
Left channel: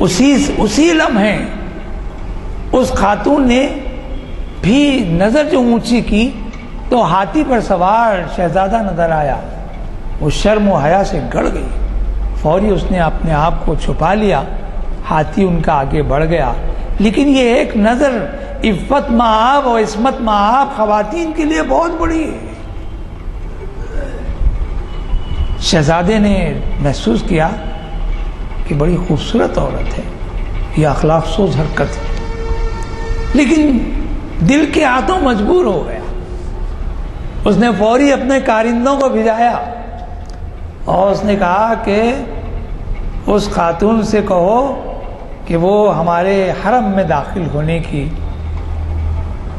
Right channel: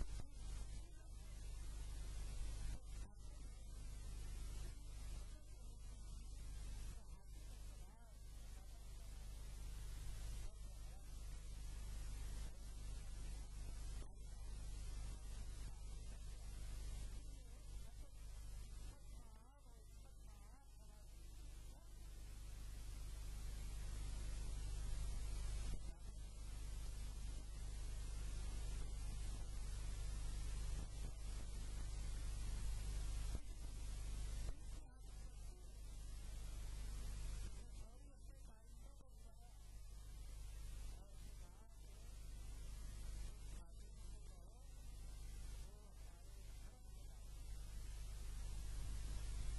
اسی لمحے اس خاتون نے بھی نظر جو اونچی کی تو ہاتھی پر سوار شہزادہ نظر آیا. وہ شرم و حیا سے گڑ گئی. فوری اس نے اپنے آپ کو چھپا لیا. ہاتھی ان کا آگے بڑھ گیا. لیکن یہ ایک نظر عفت مآب اور عصمت مآب خواتین کے لیے بہت بڑی ہے. شہزادے نے محسوس کیا کہ بڑی خوبصورت عورت ہے، یہ اخلاق سوز حرکت ہے. لیکن دل کے ہاتھوں مجبور ہو گیا. اس نے فوری اپنے کارندوں کو بھیجایا اور اس نے کہا کہ اس خاتون سے کہو کہ وہ ہمارے حرم میں داخل ہونے کی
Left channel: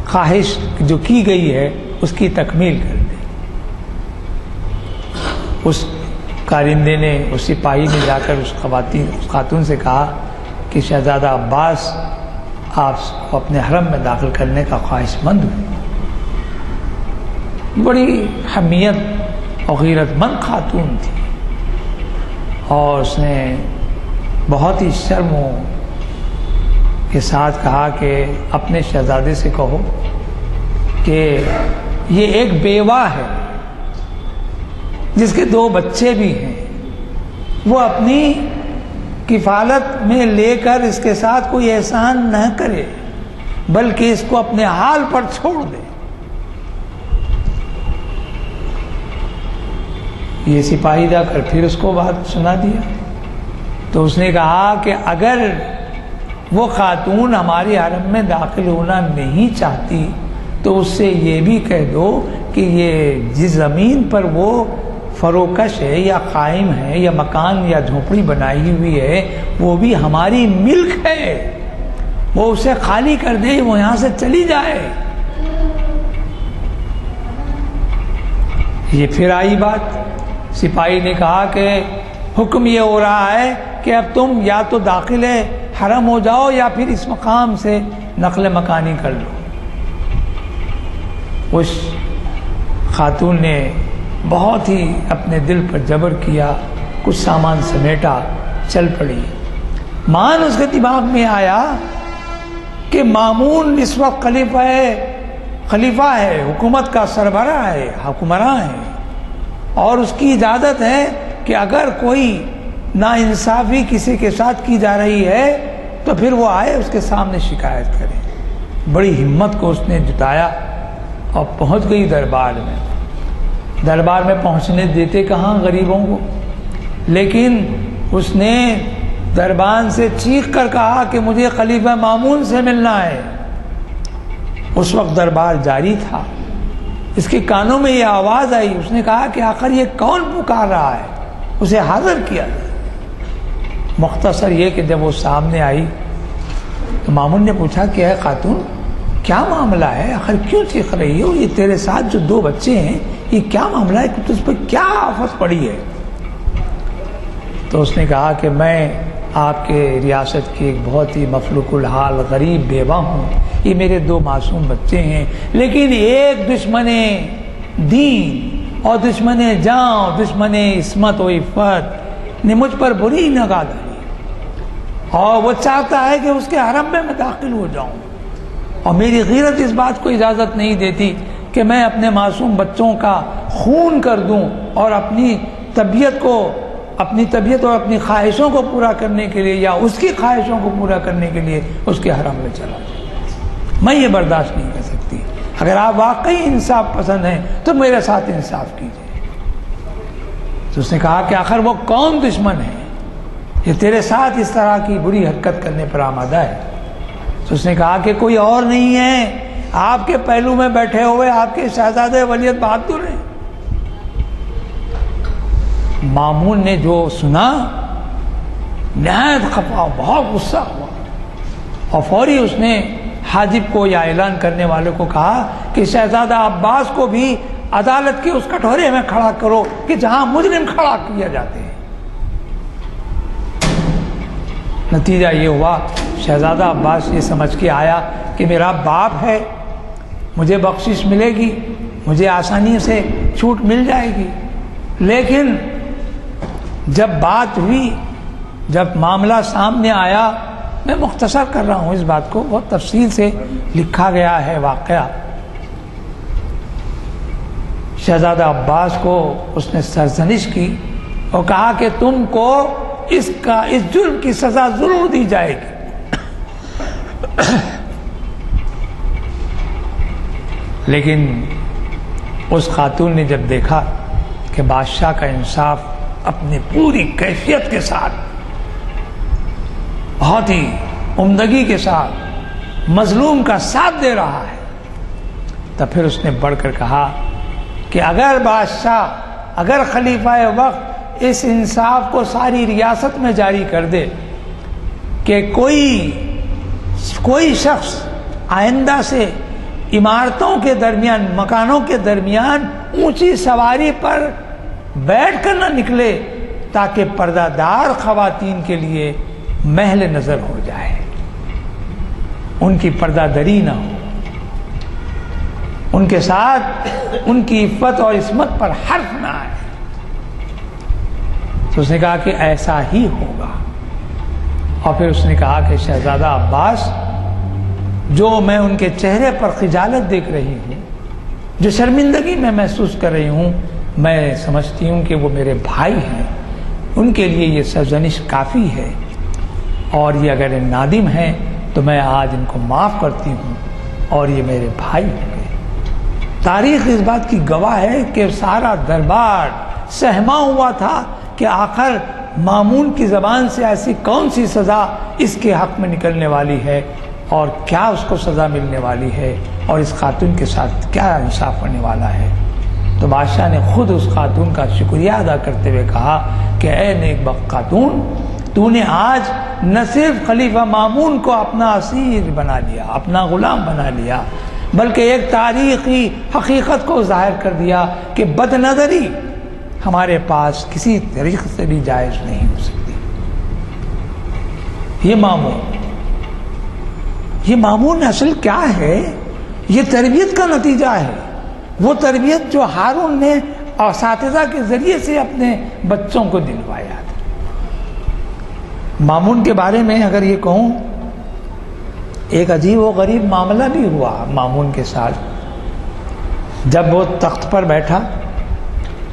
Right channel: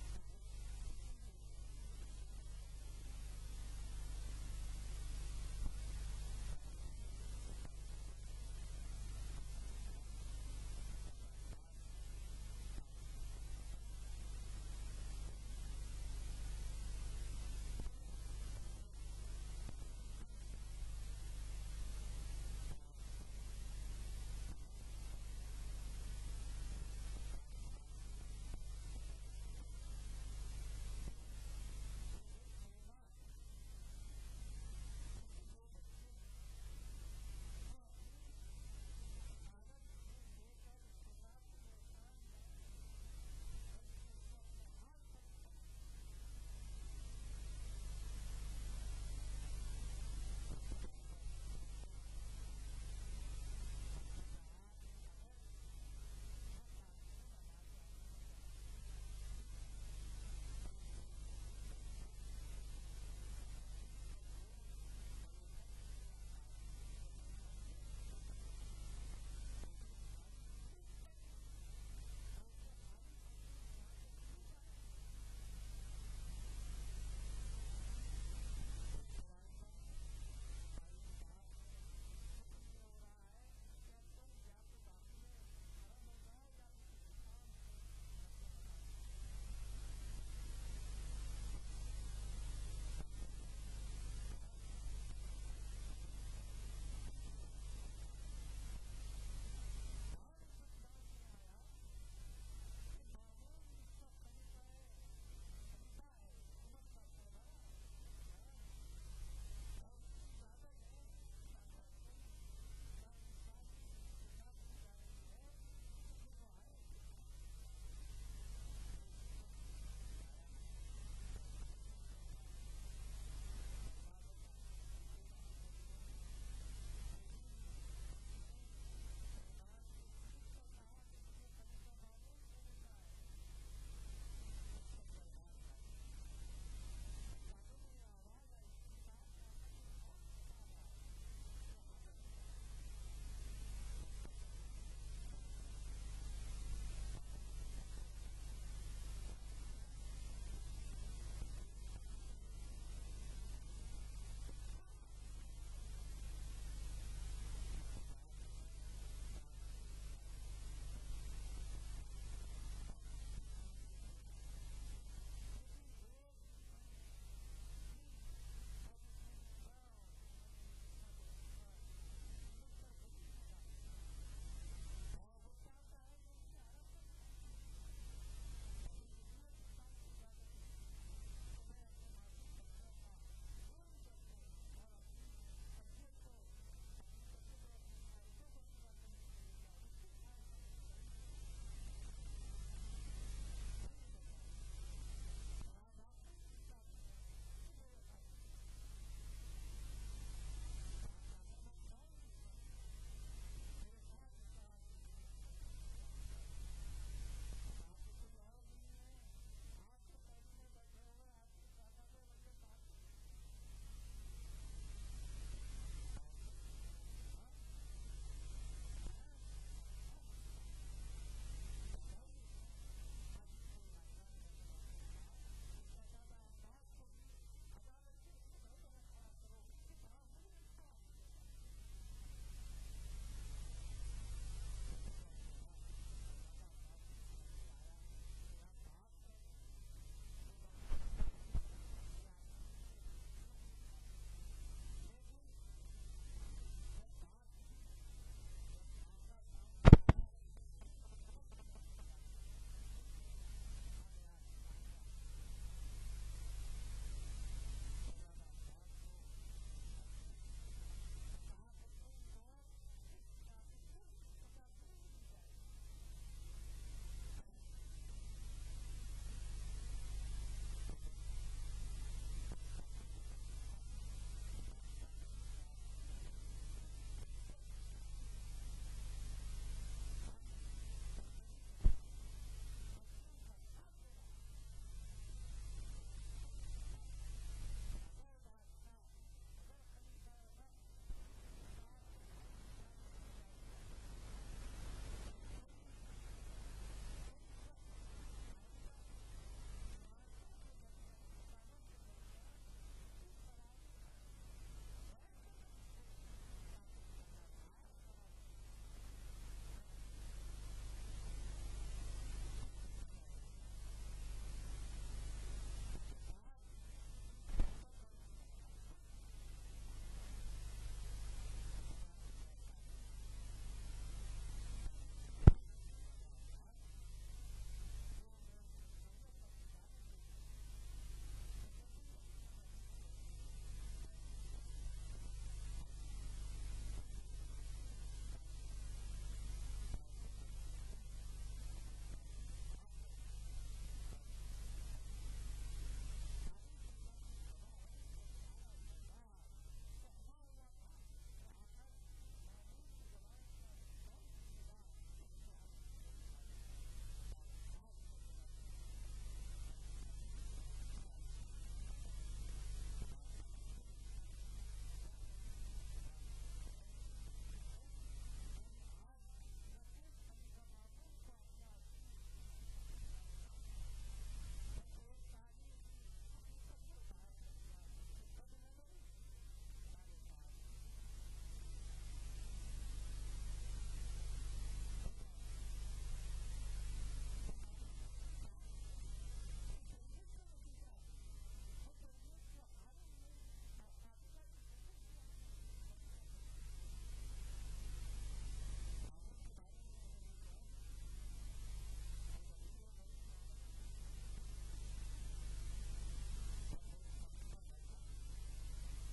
خواہش جو کی گئی ہے اس کی تکمیل کر دے۔ اس کارندے نے، اس سپاہی نے جا کر اس خاتون سے کہا کہ شہزادہ عباس آپ کو اپنے حرم میں داخل کرنے کا خواہش مند ہوں۔ بڑی حمیت اور غیرت مند خاتون تھی، اور اس نے بہت ہی شرم کے ساتھ کہا کہ اپنے شہزادے سے کہو کہ یہ ایک بیوہ ہے جس کے 2 بچے بھی ہیں، وہ اپنی کفالت میں لے کر اس کے ساتھ کوئی احسان نہ کرے بلکہ اس کو اپنے حال پر چھوڑ دے۔ یہ سپاہی جا کر پھر اس کو بات سنا دیا، تو اس نے کہا کہ اگر وہ خاتون ہماری حرم میں داخل ہونا نہیں چاہتی تو اس سے یہ بھی کہہ دو کہ یہ جس زمین پر وہ فروکش ہے یا قائم ہے یا مکان یا جھونپڑی بنائی ہوئی ہے وہ بھی ہماری ملک ہے، وہ اسے خالی کر دے، وہ یہاں سے چلی جائے۔ یہ پھر آئی بات، سپاہی نے کہا کہ حکم یہ ہو رہا ہے کہ اب تم یا تو داخل حرم ہو جاؤ یا پھر اس مقام سے نقل مکانی کر لو۔ اس خاتون نے بہت ہی اپنے دل پر جبر کیا، کچھ سامان سمیٹا، چل پڑی۔ مان اس کے دماغ میں آیا کہ مامون اس وقت خلیفہ ہے، حکومت کا سربراہ ہے، حکمراں ہے، اور اس کی اجازت ہے کہ اگر کوئی ناانصافی کسی کے ساتھ کی جا رہی ہے تو پھر وہ آئے اس کے سامنے شکایت کرے۔ بڑی ہمت کو اس نے جٹایا اور پہنچ گئی دربار میں۔ دربار میں پہنچنے دیتے کہاں غریبوں کو، لیکن اس نے دربان سے چیخ کر کہا کہ مجھے خلیفہ مامون سے ملنا ہے۔ اس وقت دربار جاری تھا، اس کے کانوں میں یہ آواز آئی، اس نے کہا کہ آخر یہ کون پکار رہا ہے، اسے حاضر کیا۔ مختصر یہ کہ جب وہ سامنے آئی تو مامون نے پوچھا کہ اے خاتون کیا معاملہ ہے، آخر کیوں چیخ رہی ہو، یہ تیرے ساتھ جو 2 بچے ہیں یہ کیا معاملہ ہے، تجھ پر کیا آفت پڑی ہے؟ تو اس نے کہا کہ میں آپ کے ریاست کی ایک بہت ہی مفلوق الحال غریب بیوہ ہوں، یہ میرے 2 معصوم بچے ہیں، لیکن ایک دشمن دین اور دشمن جان، دشمن عصمت و عفت نے مجھ پر بری نگاہ ڈالی، اور وہ چاہتا ہے کہ اس کے حرم میں داخل ہو جاؤں، اور میری غیرت اس بات کو اجازت نہیں دیتی کہ میں اپنے معصوم بچوں کا خون کر دوں اور اپنی طبیعت اور اپنی خواہشوں کو پورا کرنے کے لیے یا اس کی خواہشوں کو پورا کرنے کے لیے اس کے حرم میں چلا جاؤں۔ میں یہ برداشت نہیں کر سکتی، اگر آپ واقعی انصاف پسند ہیں تو میرے ساتھ انصاف کیجیے۔ تو اس نے کہا کہ آخر وہ کون دشمن ہے یہ تیرے ساتھ اس طرح کی بری حرکت کرنے پر آمادہ ہے؟ تو اس نے کہا کہ کوئی اور نہیں ہے، آپ کے پہلو میں بیٹھے ہوئے آپ کے شہزادے ولید بہادر ہیں۔ مامون نے جو سنا نہایت خفا، بہت غصہ ہوا، اور فوری اس نے حاجب کو یا اعلان کرنے والے کو کہا کہ شہزادہ عباس کو بھی عدالت کے اس کٹورے میں کھڑا کرو کہ جہاں مجرم کھڑا کیا جاتے ہیں۔ نتیجہ یہ ہوا شہزادہ عباس یہ سمجھ کے آیا کہ میرا باپ ہے، مجھے بخشش ملے گی، مجھے آسانی سے چھوٹ مل جائے گی، لیکن جب بات ہوئی، جب معاملہ سامنے آیا، میں مختصر کر رہا ہوں اس بات کو، بہت تفصیل سے لکھا گیا ہے واقعہ، شہزادہ عباس کو اس نے سرزنش کی اور کہا کہ تم کو اس جرم کی سزا ضرور دی جائے گی۔ لیکن اس خاتون نے جب دیکھا کہ بادشاہ کا انصاف اپنی پوری کیفیت کے ساتھ، بہت ہی عمدگی کے ساتھ مظلوم کا ساتھ دے رہا ہے، تب پھر اس نے بڑھ کر کہا کہ اگر بادشاہ، اگر خلیفہ وقت اس انصاف کو ساری ریاست میں جاری کر دے کہ کوئی شخص آئندہ سے عمارتوں کے درمیان، مکانوں کے درمیان اونچی سواری پر بیٹھ کر نہ نکلے، تاکہ پردہ دار خواتین کے لیے محل نظر ہو جائے، ان کی پردہ دری نہ ہو، ان کے ساتھ ان کی عفت اور عصمت پر حرف نہ آئے۔ تو اس نے کہا کہ ایسا ہی ہوگا۔ اور پھر اس نے کہا کہ شہزادہ عباس، جو میں ان کے چہرے پر خجالت دیکھ رہی ہوں، جو شرمندگی میں محسوس کر رہی ہوں، میں سمجھتی ہوں کہ وہ میرے بھائی ہیں، ان کے لیے یہ سرزنش کافی ہے، اور یہ اگر نادم ہیں تو میں آج ان کو معاف کرتی ہوں، اور یہ میرے بھائی ہوں گے۔ تاریخ اس بات کی گواہ ہے کہ سارا دربار سہما ہوا تھا کہ آخر مامون کی زبان سے ایسی کون سی سزا اس کے حق میں نکلنے والی ہے، اور کیا اس کو سزا ملنے والی ہے، اور اس خاتون کے ساتھ کیا انصاف ہونے والا ہے۔ تو بادشاہ نے خود اس خاتون کا شکریہ ادا کرتے ہوئے کہا کہ اے نیک بخت خاتون، تو نے آج نہ صرف خلیفہ مامون کو اپنا اسیر بنا لیا، اپنا غلام بنا لیا، بلکہ ایک تاریخی حقیقت کو ظاہر کر دیا کہ بد نظری ہمارے پاس کسی طریقے سے بھی جائز نہیں ہو سکتی۔ یہ مامون اصل کیا ہے؟ یہ تربیت کا نتیجہ ہے، وہ تربیت جو ہارون نے اساتذہ کے ذریعے سے اپنے بچوں کو دلوایا تھا۔ مامون کے بارے میں اگر یہ کہوں، ایک عجیب و غریب معاملہ بھی ہوا مامون کے ساتھ۔ جب وہ تخت پر بیٹھا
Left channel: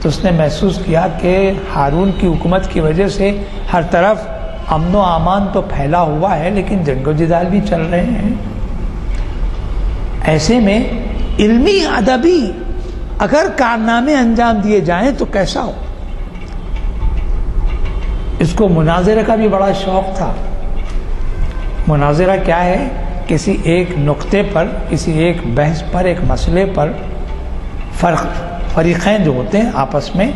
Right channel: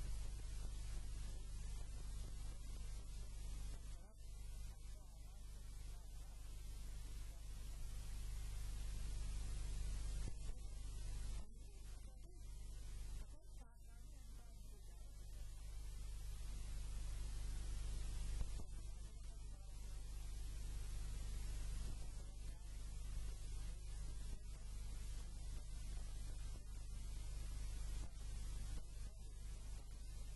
تو اس نے محسوس کیا کہ ہارون کی حکومت کی وجہ سے ہر طرف امن و امان تو پھیلا ہوا ہے، لیکن جنگ و جدال بھی چل رہے ہیں۔ ایسے میں علمی ادبی اگر کارنامے انجام دیے جائیں تو کیسا ہو؟ اس کو مناظرے کا بھی بڑا شوق تھا۔ مناظرہ کیا ہے؟ کسی ایک نقطے پر، کسی ایک بحث پر، ایک مسئلے پر فریقین جو ہوتے ہیں آپس میں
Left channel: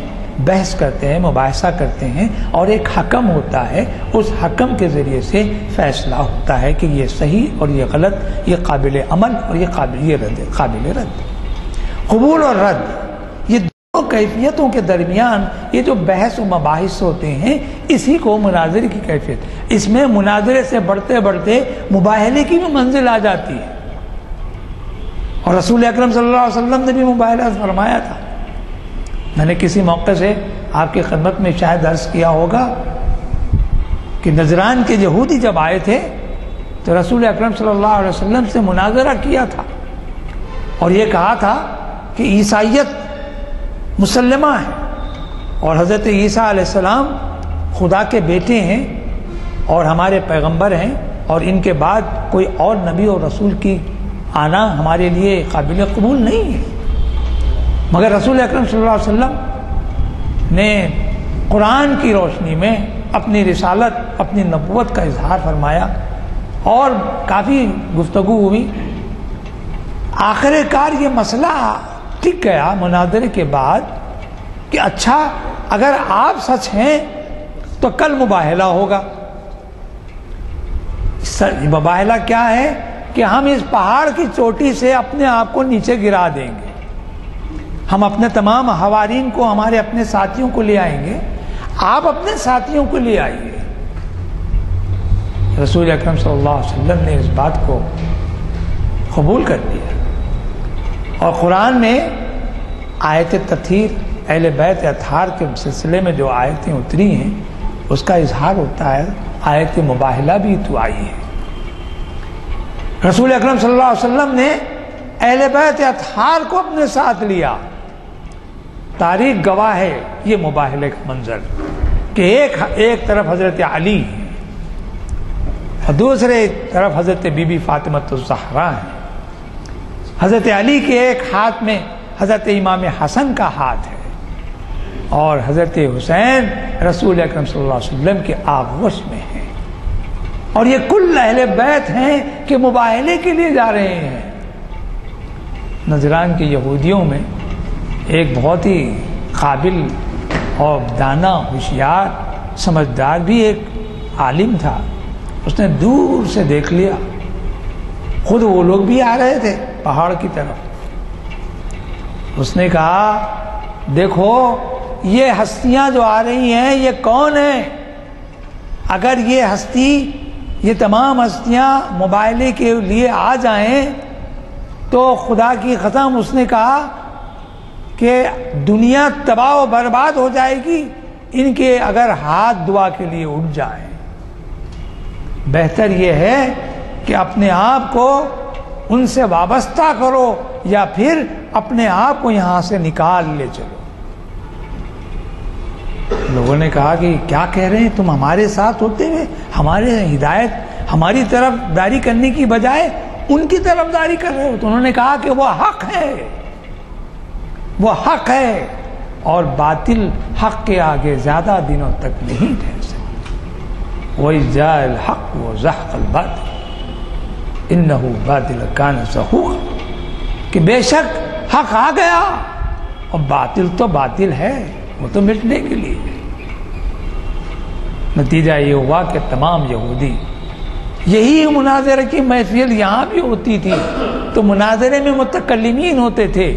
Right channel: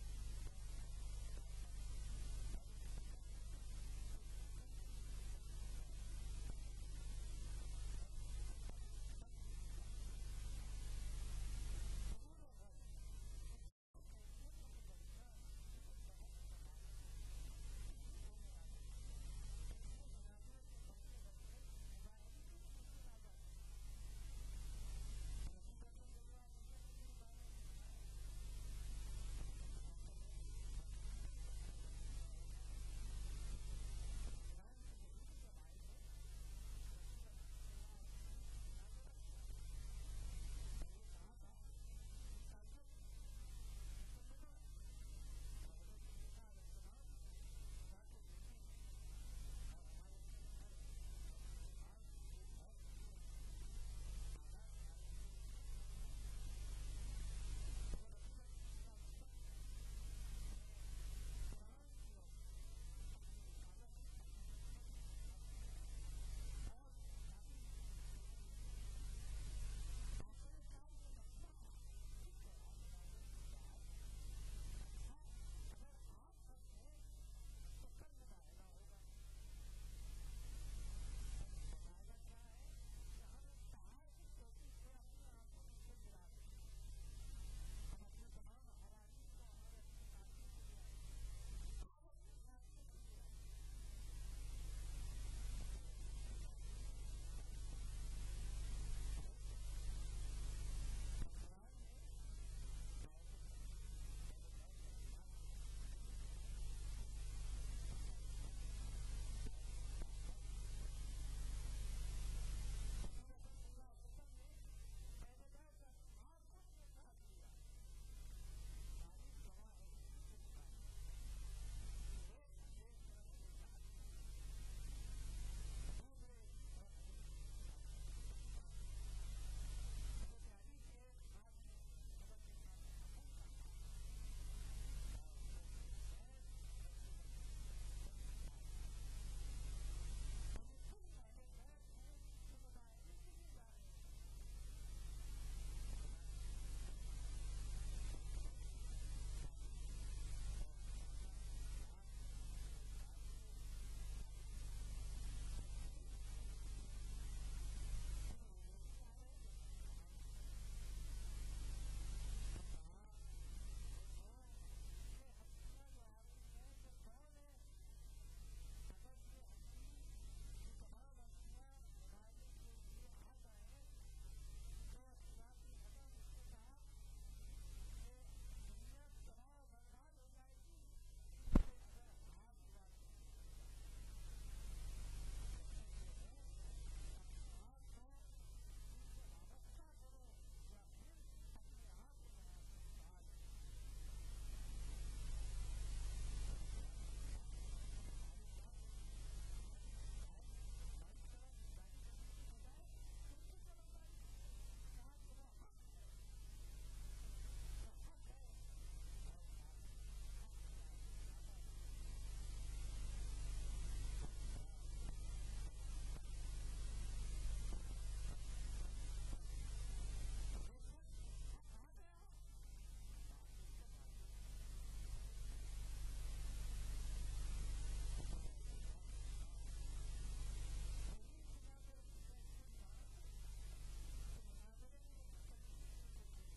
بحث کرتے ہیں، مباحثہ کرتے ہیں، اور ایک حکم ہوتا ہے، اس حکم کے ذریعے سے فیصلہ ہوتا ہے کہ یہ صحیح اور یہ غلط، یہ قابل عمل اور یہ قابل رد، قبول اور رد۔ یہ دونوں کیفیتوں کے درمیان یہ جو بحث و مباحث ہوتے ہیں، اسی کو مناظرے کی کیفیت۔ اس میں مناظرے سے بڑھتے بڑھتے مباہلے کی بھی منزل آ جاتی ہے، اور رسول اکرم صلی اللہ علیہ وسلم نے بھی مباہلہ فرمایا تھا۔ میں نے کسی موقع سے آپ کی خدمت میں شاید عرض کیا ہوگا کہ نجران کے یہودی جب آئے تھے تو رسول اکرم صلی اللہ علیہ وسلم سے مناظرہ کیا تھا، اور یہ کہا تھا کہ عیسائیت مسلمہ ہے، اور حضرت عیسیٰ علیہ السلام خدا کے بیٹے ہیں اور ہمارے پیغمبر ہیں، اور ان کے بعد کوئی اور نبی اور رسول کی آنا ہمارے لیے قابل قبول نہیں ہے۔ مگر رسول اکرم صلی اللہ علیہ وسلم نے قرآن کی روشنی میں اپنی رسالت، اپنی نبوت کا اظہار فرمایا، اور کافی گفتگو ہوئی۔ آخر کار یہ مسئلہ ٹک گیا مناظرے کے بعد کہ اچھا اگر آپ سچ ہیں تو کل مباہلہ ہوگا۔ مباہلہ کیا ہے؟ کہ ہم اس پہاڑ کی چوٹی سے اپنے آپ کو نیچے گرا دیں گے، ہم اپنے تمام حوارین کو، ہمارے اپنے ساتھیوں کو لے آئیں گے، آپ اپنے ساتھیوں کو لے آئیے۔ رسول اکرم صلی اللہ علیہ وسلم نے اس بات کو قبول کر لیا، اور قرآن میں آیت تطہیر، اہل بیت اطہار کے سلسلے میں جو آیتیں اتری ہیں اس کا اظہار ہوتا ہے۔ آیت مباہلہ بھی تو آئی ہے۔ رسول اکرم صلی اللہ علیہ وسلم نے اہل بیت اطہار کو اپنے ساتھ لیا۔ تاریخ گواہ ہے یہ مباہلے کا منظر کہ ایک طرف حضرت علی اور دوسرے طرف حضرت بی بی فاطمہ الزہرا ہے۔ حضرت علی کے ایک ہاتھ میں حضرت امام حسن کا ہاتھ ہے، اور حضرت حسین رسول اکرم صلی اللہ علیہ وسلم کے آغوش میں ہیں، اور یہ کل اہل بیت ہیں کہ مباہلے کے لیے جا رہے ہیں۔ نجران کے یہودیوں میں ایک بہت ہی قابل اور دانا ہوشیار سمجھدار بھی ایک عالم تھا. اس نے دور سے دیکھ لیا، خود وہ لوگ بھی آ رہے تھے پہاڑ کی طرف. اس نے کہا دیکھو یہ ہستیاں جو آ رہی ہیں یہ کون ہیں؟ اگر یہ ہستی، یہ تمام ہستیاں مباہلے کے لیے آ جائیں تو خدا کی قسم اس نے کہا کہ دنیا تباہ و برباد ہو جائے گی ان کے اگر ہاتھ دعا کے لیے اٹھ جائیں. بہتر یہ ہے کہ اپنے آپ کو ان سے وابستہ کرو یا پھر اپنے آپ کو یہاں سے نکال لے چلو. لوگوں نے کہا کہ کیا کہہ رہے ہیں تم؟ ہمارے ساتھ ہوتے ہوئے ہمارے ہدایت، ہماری طرف داری کرنے کی بجائے ان کی طرف داری کر رہے ہو. تو انہوں نے کہا کہ وہ حق ہے، وہ حق ہے، اور باطل حق کے آگے زیادہ دنوں تک نہیں ٹھہر سکتا. وَإِذْ الْحَقُّ وَزَهَقَ الْبَاطِلُ إِنَّهُ بَاطِلٌ كَانَ زَهُوقًا، کہ بے شک حق آ گیا اور باطل تو باطل ہے، وہ تو مٹنے کے لیے ہے. نتیجہ یہ ہوا کہ تمام یہودی، یہی مناظرے کی محفل یہاں بھی ہوتی تھی تو مناظرے میں متکلمین ہوتے تھے،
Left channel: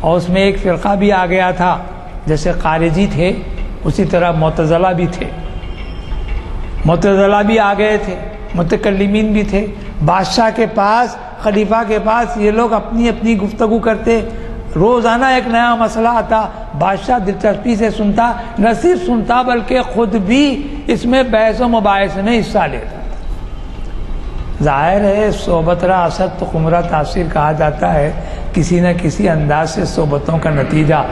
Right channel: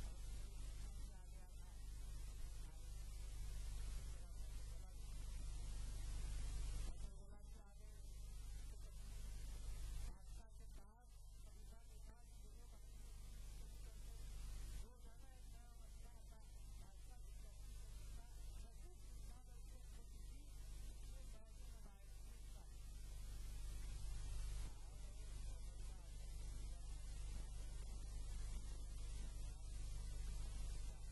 اور اس میں ایک فرقہ بھی آ گیا تھا، جیسے خارجی تھے اسی طرح معتزلہ بھی تھے. معتزلہ بھی آ گئے تھے، متکلمین بھی تھے. بادشاہ کے پاس، خلیفہ کے پاس یہ لوگ اپنی اپنی گفتگو کرتے. روزانہ ایک نیا مسئلہ آتا، بادشاہ دلچسپی سے سنتا، نہ صرف سنتا بلکہ خود بھی اس میں بحث و مباحث میں حصہ لیتا. ظاہر ہے صحبت را اثر تو خمرہ تاثیر کہا جاتا ہے، کسی نہ کسی انداز سے صحبتوں کا نتیجہ.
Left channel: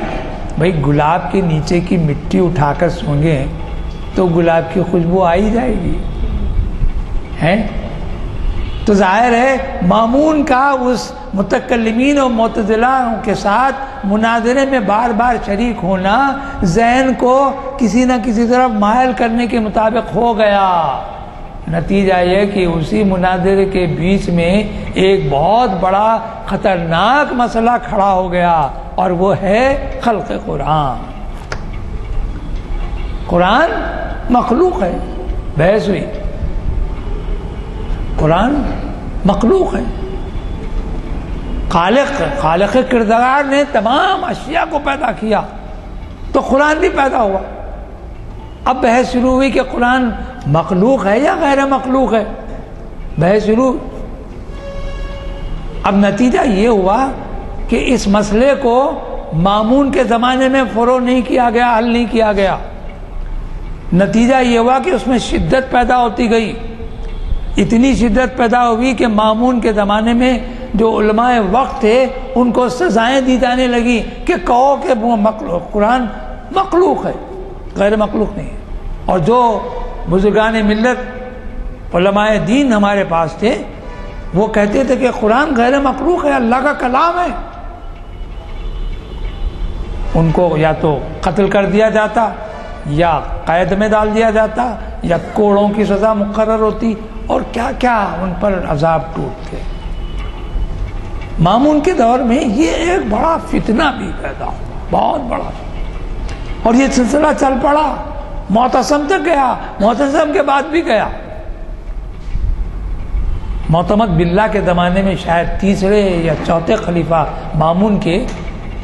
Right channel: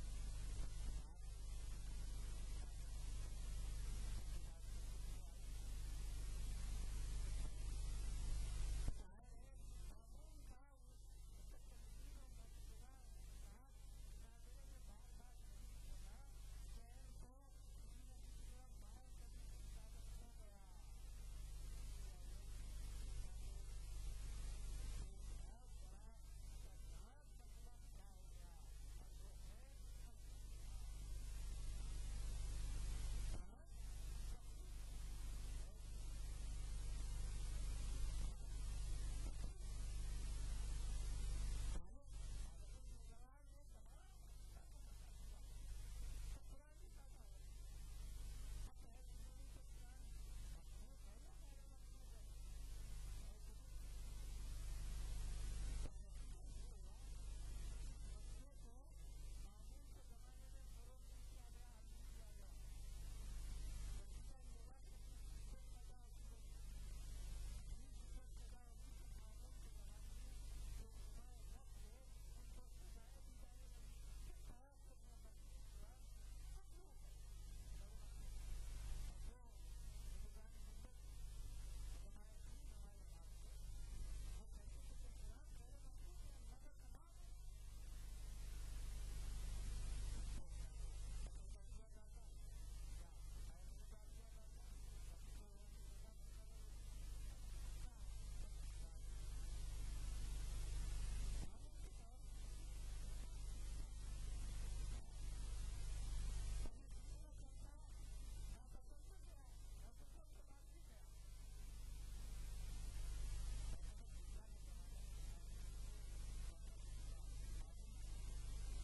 بھئی گلاب کے نیچے کی مٹی اٹھا کر سونگیں تو گلاب کی خوشبو آ ہی جائے گی ہیں. تو ظاہر ہے مامون کا اس متکلمین اور معتزلہ کے ساتھ مناظرے میں بار بار شریک ہونا ذہن کو کسی نہ کسی طرف مائل کرنے کے مطابق ہو گیا. نتیجہ یہ کہ اسی مناظرے کے بیچ میں ایک بہت بڑا خطرناک مسئلہ کھڑا ہو گیا، اور وہ ہے خلق قرآن. قرآن مخلوق ہے، بحث ہوئی. قرآن مخلوق ہے، خالق کردگار نے تمام اشیاء کو پیدا کیا تو قرآن بھی پیدا ہوا. اب بحث شروع ہوئی کہ قرآن مخلوق ہے یا غیر مخلوق ہے، بحث شروع. اب نتیجہ یہ ہوا کہ اس مسئلے کو مامون کے زمانے میں فروغ نہیں کیا گیا، حل نہیں کیا گیا. نتیجہ یہ ہوا کہ اس میں شدت پیدا ہوتی گئی. اتنی شدت پیدا ہوئی کہ مامون کے زمانے میں جو علماء وقت تھے ان کو سزائیں دی جانے لگی کہ کہو کہ قرآن مخلوق ہے، غیر مخلوق نہیں. اور جو بزرگان ملت علماء دین ہمارے پاس تھے وہ کہتے تھے کہ قرآن غیر مخلوق ہے، اللہ کا کلام ہے. ان کو یا تو قتل کر دیا جاتا یا قید میں ڈال دیا جاتا یا کوڑوں کی سزا مقرر ہوتی، اور کیا کیا ان پر عذاب ٹوٹتے. مامون کے دور میں یہ ایک بڑا فتنہ بھی پیدا ہوا، بہت بڑا، اور یہ سلسلہ چل پڑا، معتصم تک گیا، معتصم کے بعد بھی گیا. معتمد باللہ کے زمانے میں شاید تیسرے یا چوتھے خلیفہ مامون کے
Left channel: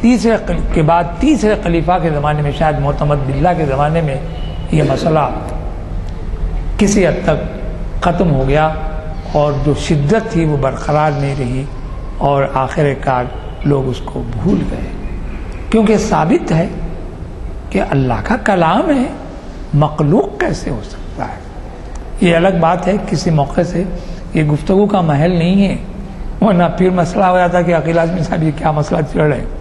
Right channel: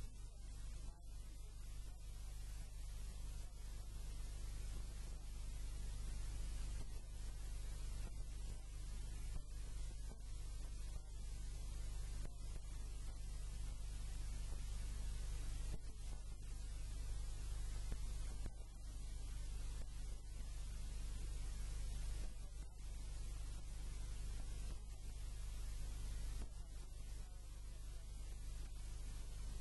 تیسرے کے بعد تیسرے خلیفہ کے زمانے میں، شاید معتمد باللہ کے زمانے میں یہ مسئلہ کسی حد تک ختم ہو گیا، اور جو شدت تھی وہ برقرار نہیں رہی، اور آخر کار لوگ اس کو بھول گئے. کیونکہ ثابت ہے کہ اللہ کا کلام ہے، مخلوق کیسے ہو سکتا ہے. یہ الگ بات ہے، کسی موقع سے یہ گفتگو کا محل نہیں ہے، ورنہ پھر مسئلہ ہو جاتا کہ عقیل اعظمی صاحب یہ کیا مسئلہ چل رہے ہیں.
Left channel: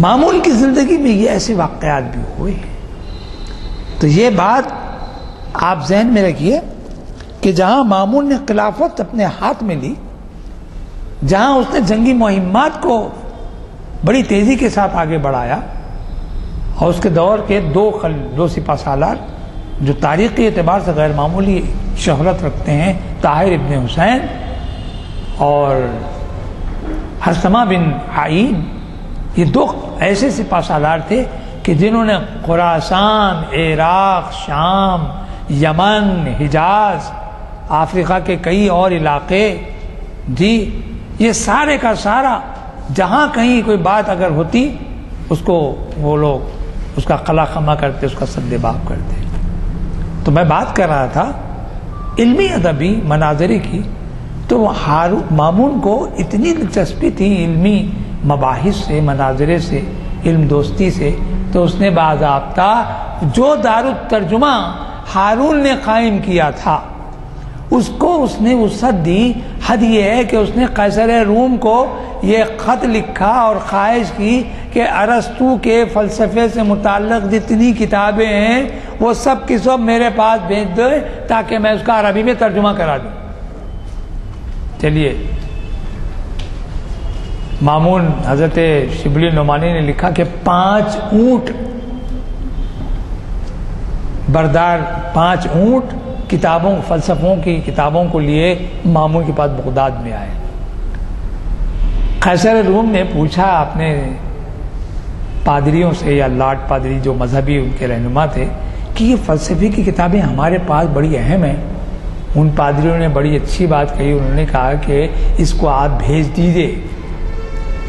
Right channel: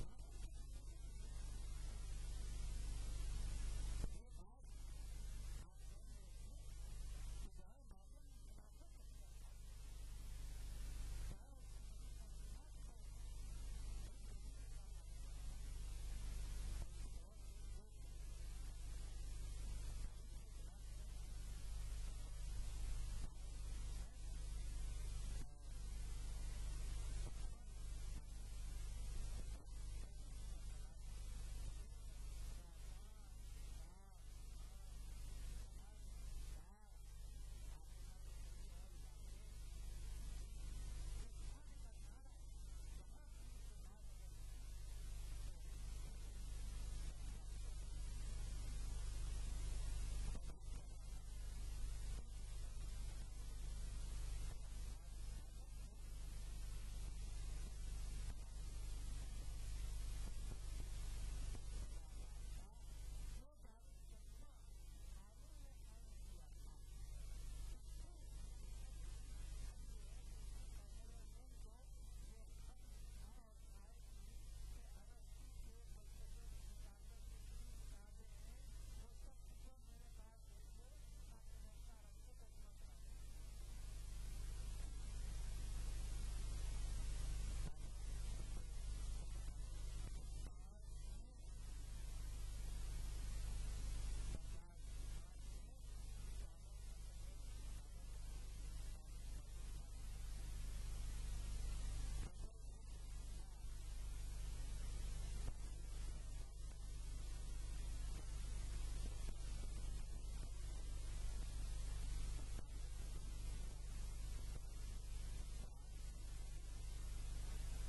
مامون کی زندگی میں یہ ایسے واقعات بھی ہوئے ہیں. تو یہ بات آپ ذہن میں رکھیے کہ جہاں مامون نے خلافت اپنے ہاتھ میں لی، جہاں اس نے جنگی مہمات کو بڑی تیزی کے ساتھ آگے بڑھایا، اور اس کے دور کے دو سپہ سالار جو تاریخی اعتبار سے غیر معمولی شہرت رکھتے ہیں، طاہر ابن حسین اور حرثمہ بن عین، یہ دو ایسے سپہ سالار تھے کہ جنہوں نے خراسان، عراق، شام، یمن، حجاز، افریقہ کے کئی اور علاقے، جی یہ سارے کا سارا جہاں کہیں کوئی بات اگر ہوتی اس کو وہ لوگ اس کا قلع خمہ کرتے، اس کا سد باب کرتے۔ تو میں بات کر رہا تھا علمی ادبی مناظرے کی، تو مامون کو اتنی دلچسپی تھی علمی مباحث سے، مناظرے سے، علم دوستی سے، تو اس نے باضابطہ جو دارالترجمہ ہارون نے قائم کیا تھا اس کو اس نے وسعت دی۔ حد یہ ہے کہ اس نے قیصر روم کو یہ خط لکھا اور خواہش کی کہ ارسطو کے فلسفے سے متعلق جتنی کتابیں ہیں وہ سب کی سب میرے پاس بھیج دو تاکہ میں اس کا عربی میں ترجمہ کرا دوں۔ چلیے، مامون حضرت شبلی نعمانی نے لکھا کہ 5 اونٹ بردار، 5 اونٹ کتابوں، فلسفوں کی کتابوں کو لیے مامون کے پاس بغداد میں آئے۔ قیصر روم نے پوچھا اپنے پادریوں سے، یا لارڈ پادری جو مذہبی ان کے رہنما تھے، کہ یہ فلسفے کی کتابیں ہمارے پاس بڑی اہم ہیں۔ ان پادریوں نے بڑی اچھی بات کہی، انہوں نے کہا کہ اس کو آپ بھیج دیجئے،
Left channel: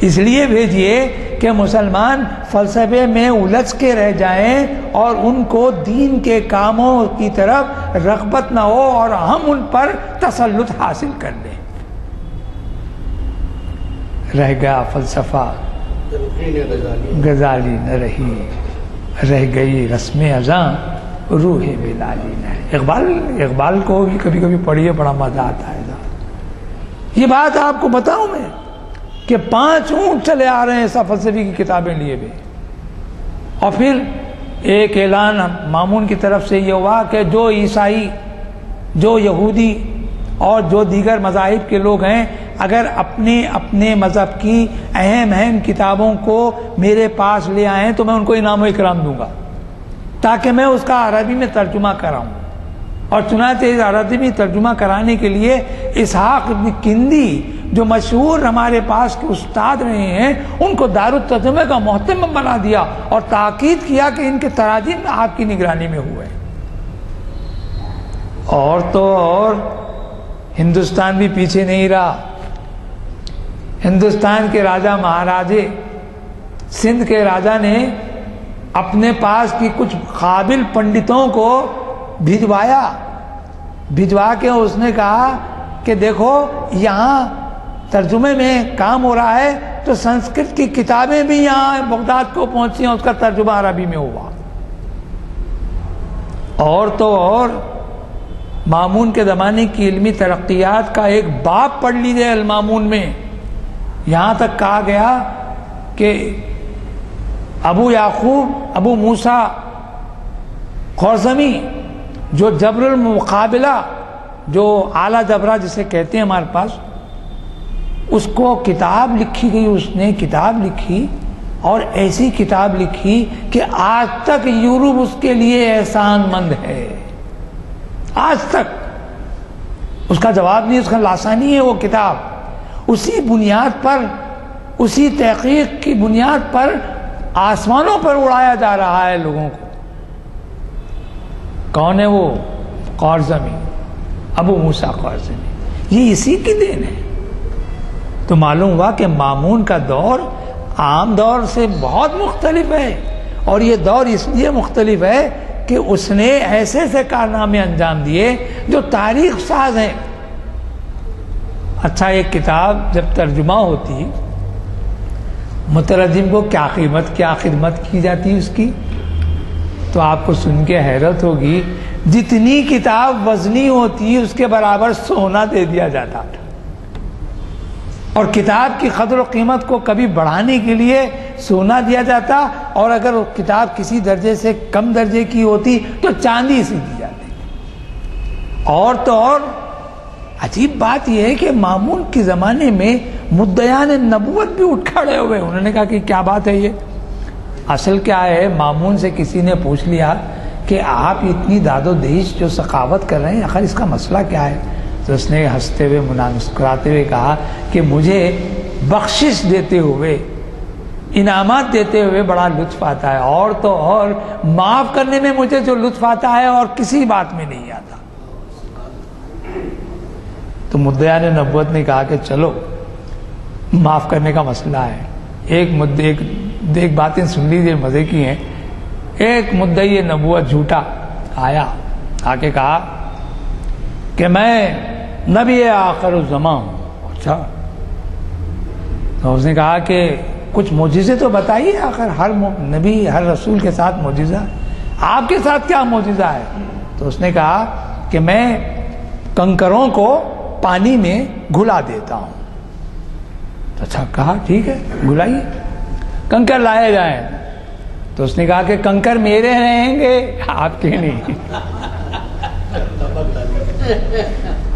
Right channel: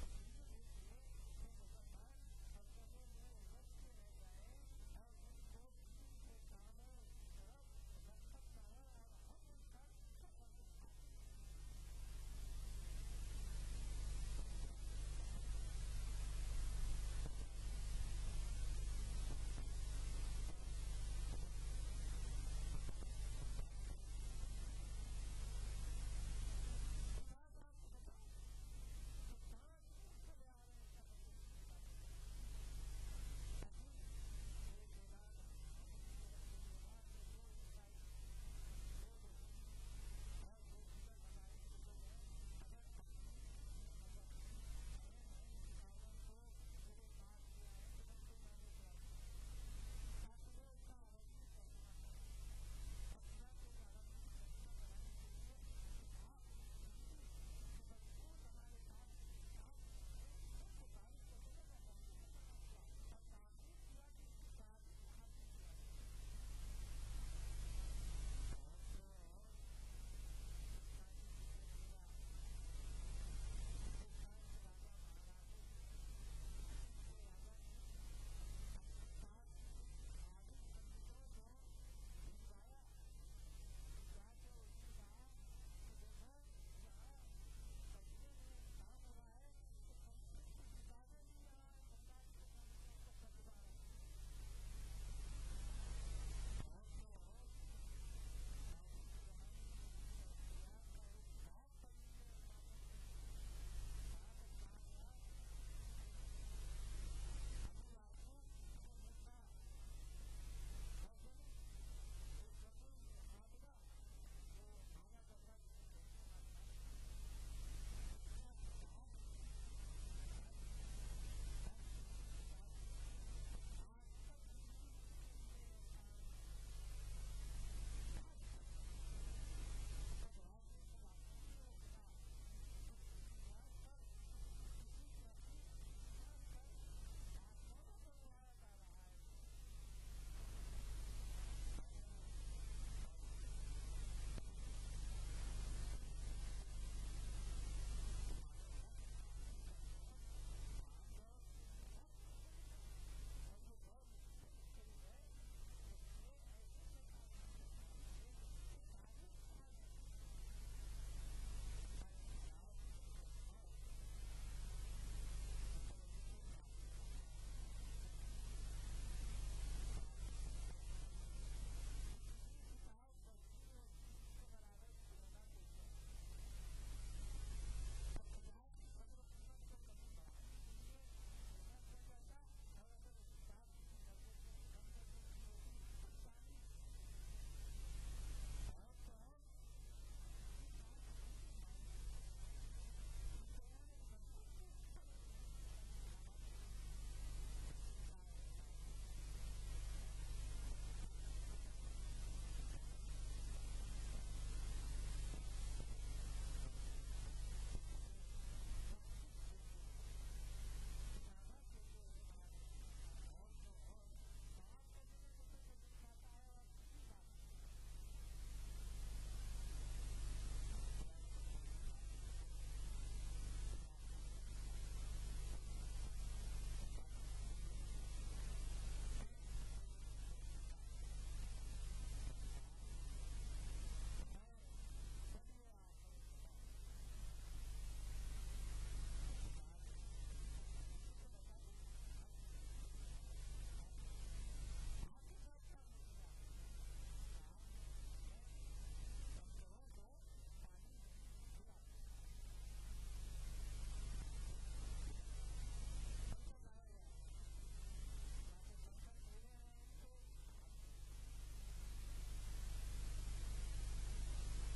اس لیے بھیجئے کہ مسلمان فلسفے میں الجھ کے رہ جائیں اور ان کو دین کے کاموں کی طرف رغبت نہ ہو اور ہم ان پر تسلط حاصل کر لیں۔ رہ گیا فلسفہ غزالی نہ رہی، رہ گئی رسم ازاں روح بلالی نہ۔ اقبال کو بھی کبھی کبھی پڑھیے، بڑا مزہ آتا ہے۔ یہ بات آپ کو بتاؤں میں کہ 5 اونٹ چلے آ رہے ہیں ایسا فلسفی کی کتابیں لیے ہوئے، اور پھر ایک اعلان مامون کی طرف سے یہ ہوا کہ جو عیسائی، جو یہودی اور جو دیگر مذاہب کے لوگ ہیں اگر اپنے مذہب کی اہم کتابوں کو میرے پاس لے آئیں تو میں ان کو انعام و اکرام دوں گا تاکہ میں اس کا عربی میں ترجمہ کراؤں۔ اور چنانچہ اس عربی میں ترجمہ کرانے کے لیے اسحاق ابن کندی جو مشہور ہمارے پاس کے استاد رہے ہیں ان کو دارالترجمہ کا محتمم بنا دیا اور تاکید کیا کہ ان کے تراجم آپ کی نگرانی میں ہوئے۔ اور تو اور ہندوستان بھی پیچھے نہیں رہا۔ ہندوستان کے راجہ مہاراجے، سندھ کے راجہ نے اپنے پاس کی کچھ قابل پنڈتوں کو بھجوا کے اس نے کہا کہ دیکھو یہاں ترجمے میں کام ہو رہا ہے تو سنسکرت کی کتابیں بھی یہاں بغداد کو پہنچی ہیں، اس کا ترجمہ عربی میں ہوا۔ اور تو اور مامون کے زمانے کی علمی ترقیات کا ایک باب پڑھ لیجیے المامون میں، یہاں تک کہا گیا کہ ابو موسیٰ خوارزمی جو جبر المقابلہ، جو اعلیٰ جبرہ جسے کہتے ہیں ہمارے پاس، اس کو کتاب لکھی گئی، اس نے کتاب لکھی اور ایسی کتاب لکھی کہ آج تک یورپ اس کے لیے احسان مند ہے، آج تک اس کا جواب نہیں، اس کا لاسانی ہے وہ کتاب۔ اسی بنیاد پر، اسی تحقیق کی بنیاد پر آسمانوں پر اڑایا جا رہا ہے لوگوں کو۔ کون ہے وہ؟ خوارزمی، ابو موسیٰ خوارزمی، یہ اسی کی دین ہے۔ تو معلوم ہوا کہ مامون کا دور عام دور سے بہت مختلف ہے، اور یہ دور اس لیے مختلف ہے کہ اس نے ایسے ایسے کارنامے انجام دیے جو تاریخ ساز ہیں۔ اچھا، ایک کتاب جب ترجمہ ہوتی مترجم کو کیا قیمت، کیا خدمت کی جاتی اس کی، تو آپ کو سن کے حیرت ہوگی، جتنی کتاب وزنی ہوتی اس کے برابر سونا دے دیا جاتا تھا، اور کتاب کی قدر و قیمت کو کبھی بڑھانے کے لیے سونا دیا جاتا، اور اگر وہ کتاب کسی درجے سے کم درجے کی ہوتی تو چاندی سے دی جاتی۔ اور تو اور عجیب بات یہ ہے کہ مامون کے زمانے میں مدعیان نبوت بھی اٹھ کھڑے ہوئے، انہوں نے کہا کہ کیا بات ہے یہ؟ اصل کیا ہے، مامون سے کسی نے پوچھ لیا کہ آپ اتنی داد و دہش جو سخاوت کر رہے ہیں، آخر اس کا مسئلہ کیا ہے؟ تو اس نے ہنستے ہوئے مسکراتے ہوئے کہا کہ مجھے بخشش دیتے ہوئے انعامات دیتے ہوئے بڑا لطف آتا ہے، اور تو اور معاف کرنے میں مجھے جو لطف آتا ہے اور کسی بات میں نہیں آتا۔ تو مدعیان نبوت نے کہا کہ چلو معاف کرنے کا مسئلہ ہے، ایک باتیں سن لیجیے مزے کی ہیں۔ ایک مدعی نبوت جھوٹا آیا، آ کے کہا کہ میں نبی آخر الزماں ہوں۔ اچھا، تو اس نے کہا کہ کچھ معجزے تو بتائیے، آخر ہر نبی ہر رسول کے ساتھ معجزہ، آپ کے ساتھ کیا معجزہ ہے؟ تو اس نے کہا کہ میں کنکروں کو پانی میں گھلا دیتا ہوں۔ اچھا، کہا ٹھیک ہے گھلائیے، کنکر لائے جائیں۔ تو اس نے کہا کہ کنکر میرے رہیں گے، آپ کے نہیں۔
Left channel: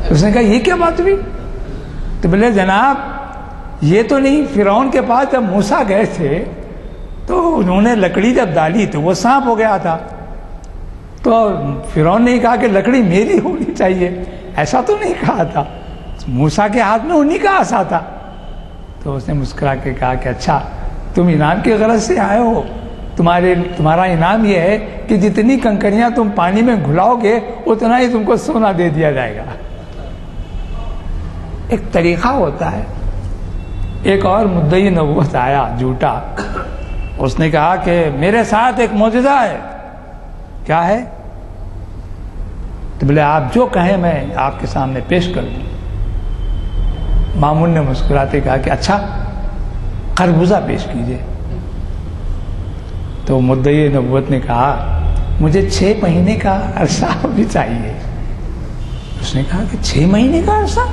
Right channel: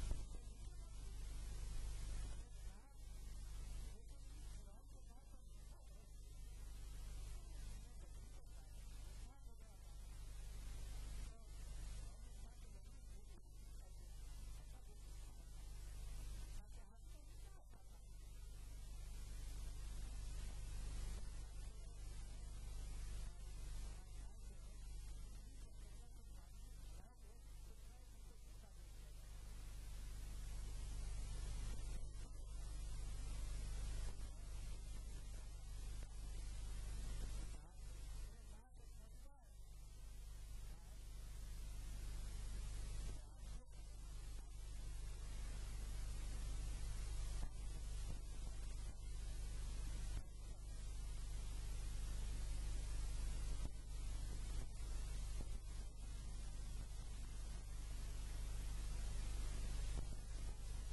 اس نے کہا یہ کیا بات ہوئی؟ تو بولے جناب یہ تو نہیں، فرعون کے پاس جب موسیٰ گئے تھے تو انہوں نے لکڑی جب ڈالی تو وہ سانپ ہو گیا تھا، تو فرعون نے کہا کہ لکڑی میری ہونی چاہیے، ایسا تو نہیں کہا تھا، موسیٰ کے ہاتھ میں انہی کا عصا تھا۔ تو اس نے مسکرا کے کہا کہ اچھا تم انعام کی غرض سے آئے ہو، تمہارا انعام یہ ہے کہ جتنی کنکریاں تم پانی میں گھلاؤ گے اتنا ہی تم کو سونا دے دیا جائے گا۔ ایک طریقہ ہوتا ہے۔ ایک اور مدعی نبوت آیا جھوٹا، اس نے کہا کہ میرے ساتھ ایک معجزہ ہے۔ کیا ہے؟ تو بولے آپ جو کہیں میں آپ کے سامنے پیش کر دوں۔ مامون نے مسکراتے کہا کہ اچھا خربوزہ پیش کیجیے۔ تو مدعی نبوت نے کہا مجھے 6 مہینے کا عرصہ بھی چاہیے۔ اس نے کہا کہ 6 مہینے کا عرصہ؟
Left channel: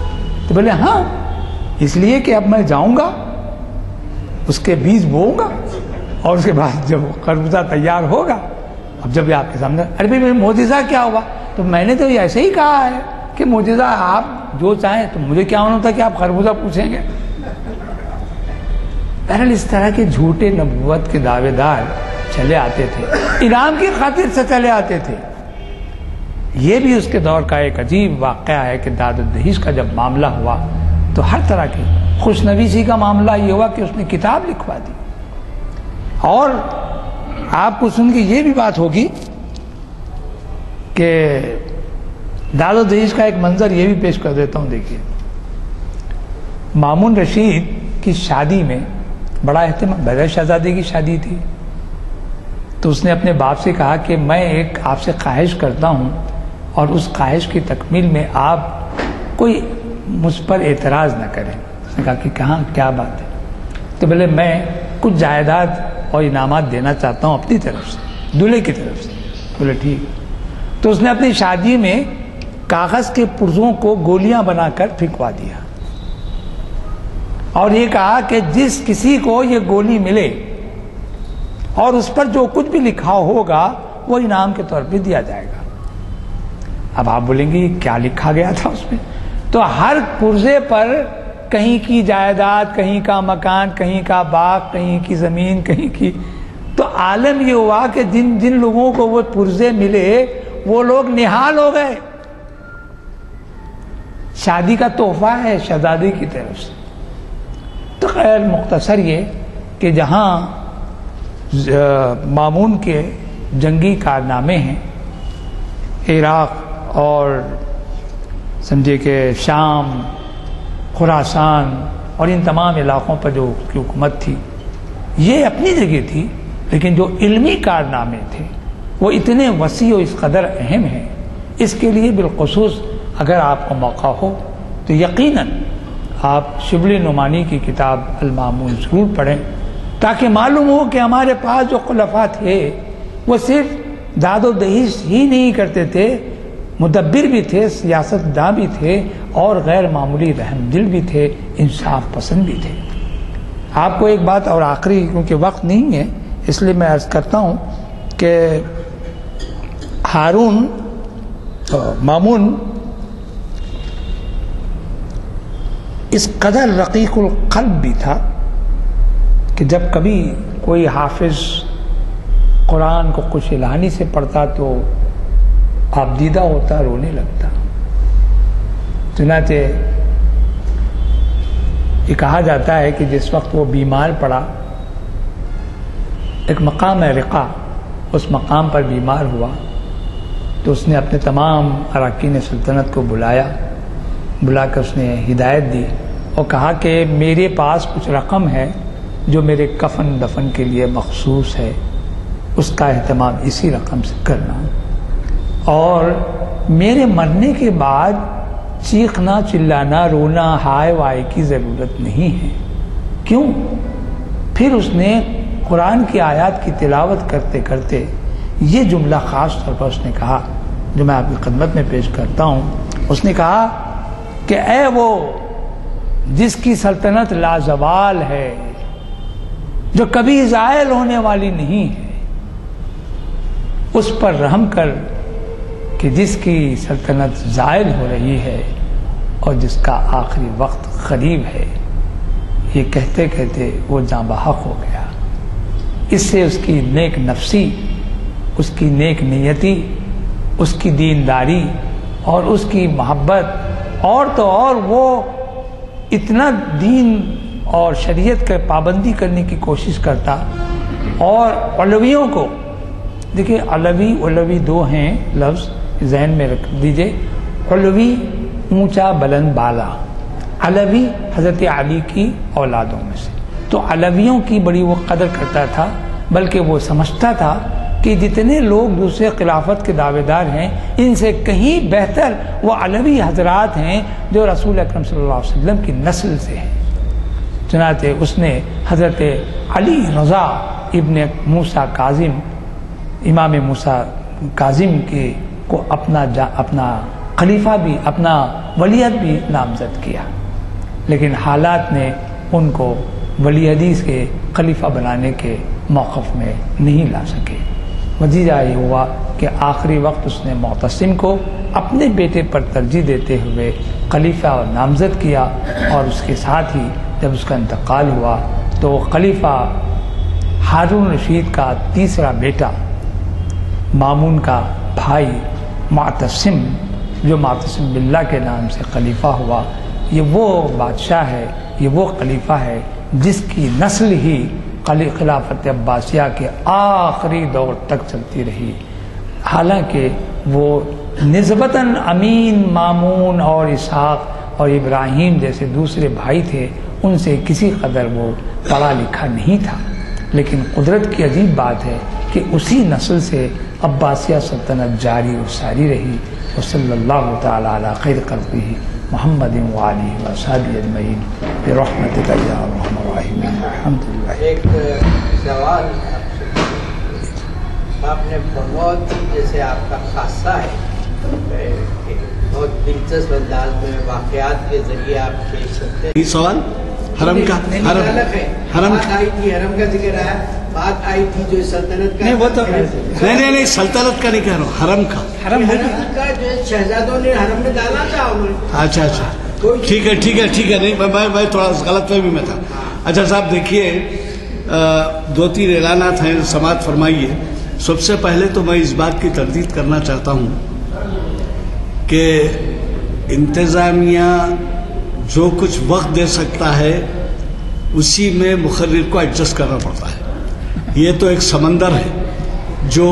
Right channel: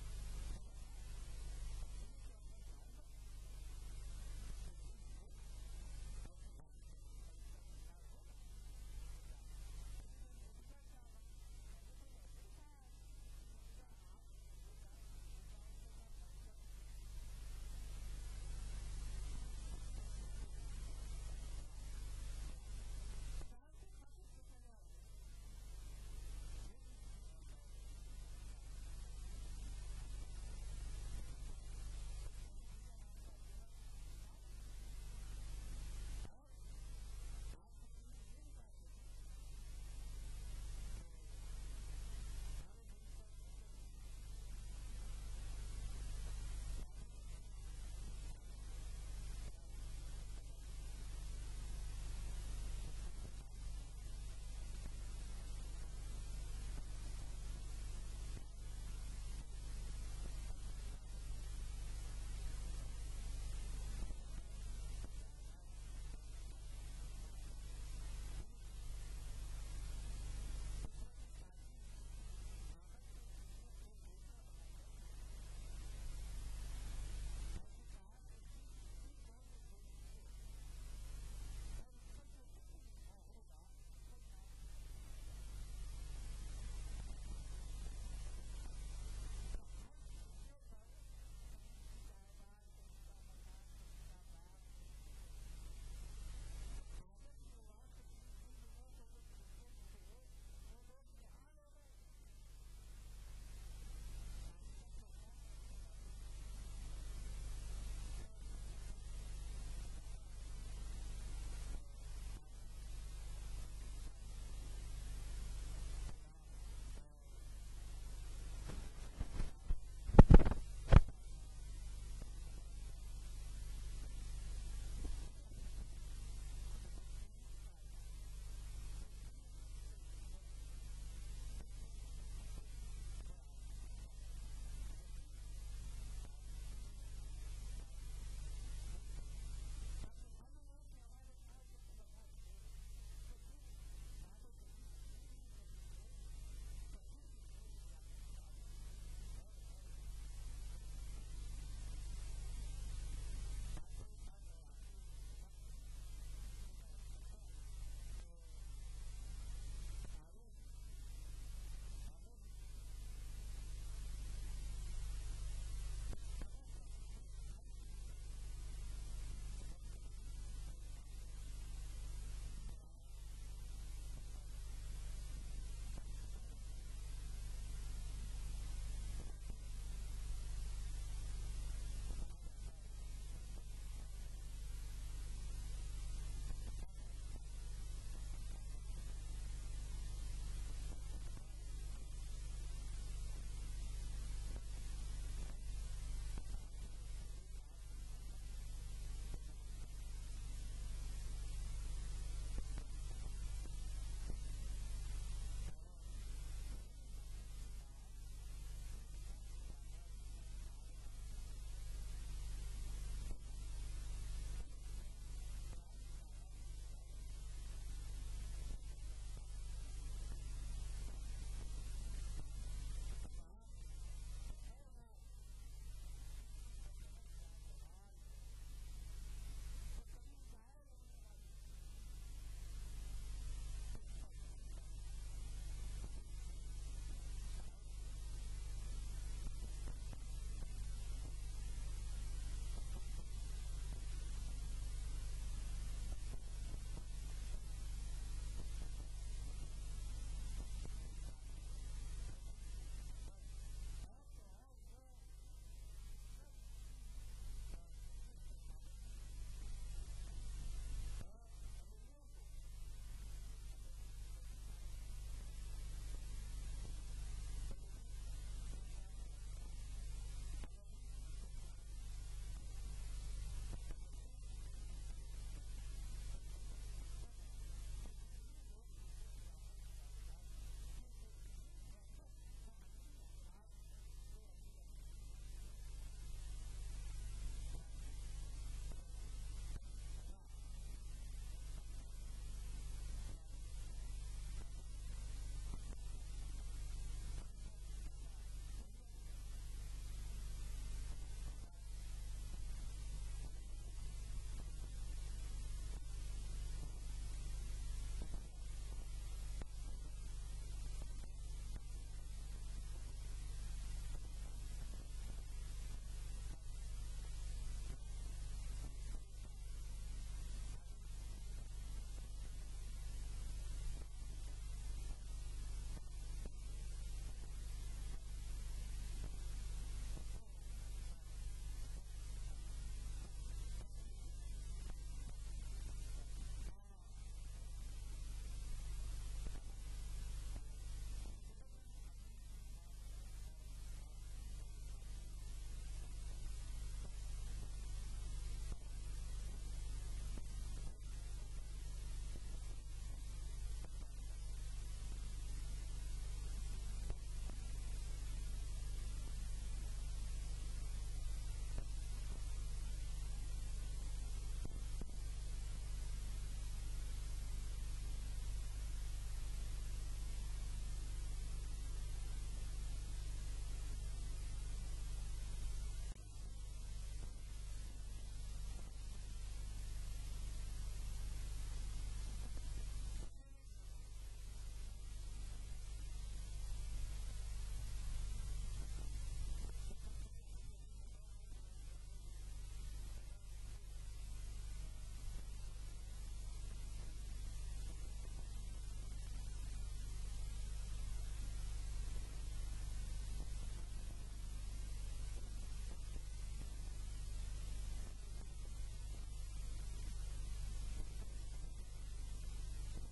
تو بولے ہاں، اس لیے کہ اب میں جاؤں گا، اس کے بیج بوؤں گا، اور اس کے بعد جب خربوزہ تیار ہوگا اب جب آپ کے سامنے، ارے بھائی معجزہ کیا ہوگا؟ تو میں نے تو ایسے ہی کہا ہے کہ معجزہ آپ جو چاہیں، تو مجھے کیا ہونا تھا کہ آپ خربوزہ پوچھیں گے؟ بہرحال اس طرح کے جھوٹے نبوت کے دعوے دار چلے آتے تھے، انعام کی خاطر سے چلے آتے تھے۔ یہ بھی اس کے دور کا ایک عجیب واقعہ ہے کہ داد و دہیش کا جب معاملہ ہوا تو ہر طرح کی خوش نویسی کا معاملہ یہ ہوا کہ اس نے کتاب لکھوا دی۔ اور آپ کو سن کے یہ بھی بات ہوگی کہ داد و دہیش کا ایک منظر یہ بھی پیش کر دیتا ہوں، دیکھیے۔ مامون رشید کی شادی میں بڑا اہتمام، بغیر شہزادی کی شادی تھی، تو اس نے اپنے باپ سے کہا کہ میں ایک آپ سے خواہش کرتا ہوں، اور اس خواہش کی تکمیل میں آپ کوئی مجھ پر اعتراض نہ کریں۔ اس نے کہا کہ کہاں کیا بات ہے؟ تو بولے میں کچھ جائیداد اور انعامات دینا چاہتا ہوں اپنی طرف سے، دولہے کی طرف سے۔ بولے ٹھیک۔ تو اس نے اپنی شادی میں کاغذ کے پرزوں کو گولیاں بنا کر پھینکوا دیا، اور یہ کہا کہ جس کسی کو یہ گولی ملے اور اس پر جو کچھ بھی لکھا ہوگا وہ انعام کے طور پہ دیا جائے گا۔ اب آپ بولیں گے کیا لکھا گیا تھا اس میں؟ تو ہر پرزے پر کہیں کی جائیداد، کہیں کا مکان، کہیں کا باغ، کہیں کی زمین، کہیں کی، تو عالم یہ ہوا کہ جن لوگوں کو وہ پرزے ملے وہ لوگ نہال ہو گئے۔ شادی کا تحفہ ہے شہزادی کی طرف سے۔ تو خیر مختصر یہ کہ جہاں مامون کے جنگی کارنامے ہیں، عراق اور سمجھے کہ شام، خراسان اور ان تمام علاقوں پر جو کی حکومت تھی، یہ اپنی جگہ تھی، لیکن جو علمی کارنامے تھے وہ اتنے وسیع و اس قدر اہم ہیں۔ اس کے لیے بالخصوص اگر آپ کو موقع ہو تو یقیناً آپ شبلی نعمانی کی کتاب المامون ضرور پڑھیں، تاکہ معلوم ہو کہ ہمارے پاس جو خلفاء تھے وہ صرف داد و دہیش ہی نہیں کرتے تھے، مدبر بھی تھے، سیاست داں بھی تھے، اور غیر معمولی رحم دل بھی تھے، انصاف پسند بھی تھے۔ آپ کو ایک بات اور آخری، کیونکہ وقت نہیں ہے اس لیے میں عرض کرتا ہوں کہ مامون اس قدر رقیق القلب بھی تھا کہ جب کبھی کوئی حافظ قرآن کو خوش الہانی سے پڑھتا تو آپ دیدہ ہوتا، رونے لگتا۔ چنانچہ یہ کہا جاتا ہے کہ جس وقت وہ بیمار پڑا ایک مقام ہے رقہ، اس مقام پر بیمار ہوا تو اس نے اپنے تمام اراکین سلطنت کو بلا کر اس نے ہدایت دی اور کہا کہ میرے پاس کچھ رقم ہے جو میرے کفن دفن کے لیے مخصوص ہے، اس کا اہتمام اسی رقم سے کرنا، اور میرے مرنے کے بعد چیخنا چلانا رونا ہائے وائے کی ضرورت نہیں ہے۔ کیوں؟ پھر اس نے قرآن کی آیات کی تلاوت کرتے کرتے یہ جملہ خاص طور پر اس نے کہا جو میں آپ کی خدمت میں پیش کرتا ہوں۔ اس نے کہا کہ اے وہ جس کی سلطنت لازوال ہے، جو کبھی زائل ہونے والی نہیں ہے، اس پر رحم کر کہ جس کی سلطنت زائل ہو رہی ہے اور جس کا آخری وقت قریب ہے۔ یہ کہتے کہتے وہ جاں بحق ہو گیا۔ اس سے اس کی نیک نفسی، اس کی نیک نیتی، اس کی دینداری اور اس کی محبت، اور تو اور وہ اتنا دین اور شریعت کے پابندی کرنے کی کوشش کرتا، اور علویوں کو دیکھیں، علوی دو ہیں لفظ ذہن میں رکھ دیجئے، علوی اونچا بلند بالا، علوی حضرت علی کی اولادوں میں سے، تو علویوں کی بڑی وہ قدر کرتا تھا، بلکہ وہ سمجھتا تھا کہ جتنے لوگ دوسرے خلافت کے دعوے دار ہیں ان سے کہیں بہتر وہ علوی حضرات ہیں جو رسول اکرم صلی اللہ علیہ وسلم کی نسل سے ہیں۔ چنانچہ اس نے حضرت علی رضا ابن موسیٰ کاظم، امام موسیٰ کاظم کو اپنا خلیفہ بھی، اپنا ولیعہد بھی نامزد کیا، لیکن حالات نے ان کو ولیعہدی کے خلیفہ بنانے کے موقف میں نہیں لا سکے۔ نتیجہ یہ ہوا کہ آخری وقت اس نے معتصم کو اپنے بیٹے پر ترجیح دیتے ہوئے خلیفہ اور نامزد کیا، اور اس کے ساتھ ہی جب اس کا انتقال ہوا تو خلیفہ ہارون رشید کا تیسرا بیٹا، مامون کا بھائی معتصم، جو معتصم باللہ کے نام سے خلیفہ ہوا، یہ وہ بادشاہ ہے، یہ وہ خلیفہ ہے جس کی نسل ہی خلافت عباسیہ کے آخری دور تک چلتی رہی، حالانکہ وہ نسبتاً امین، مامون اور اسحاق اور ابراہیم جیسے دوسرے بھائی تھے، ان سے کسی قدر وہ پڑھا لکھا نہیں تھا، لیکن قدرت کی عجیب بات ہے کہ اسی نسل سے عباسیہ سلطنت جاری و ساری رہی۔ وصلی اللہ تعالی علی خیر خلقہ محمد وآلہ وصحبہ اجمعین برحمتک یا ارحم الراحمین۔ الحمدللہ۔ ایک سوال آپ نے بہت جیسے آپ کا خاصہ ہے، بہت دلچسپ انداز میں واقعات کے ذریعے آپ پیش کرتے ہیں۔ یہ سوال حرم کا حرم کا ذکر آیا، بات آئی تھی جو سلطنت کا، نہیں سلطنت کا نہیں کہہ رہا ہوں، حرم کا جو شہزادوں نے حرم میں ڈالا تھا انہوں نے۔ اچھا ٹھیک ہے نہیں میں تھوڑا غلط فہمی میں تھا۔ اچھا صاحب دیکھیے، 2-3 اعلانات ہیں، سماعت فرمائیے۔ سب سے پہلے تو میں اس بات کی تردید کرنا چاہتا ہوں کہ انتظامیہ جو کچھ وقت دے سکتا ہے اسی میں مقرر کو ایڈجسٹ کرنا پڑتا ہے۔ یہ تو ایک سمندر ہے جو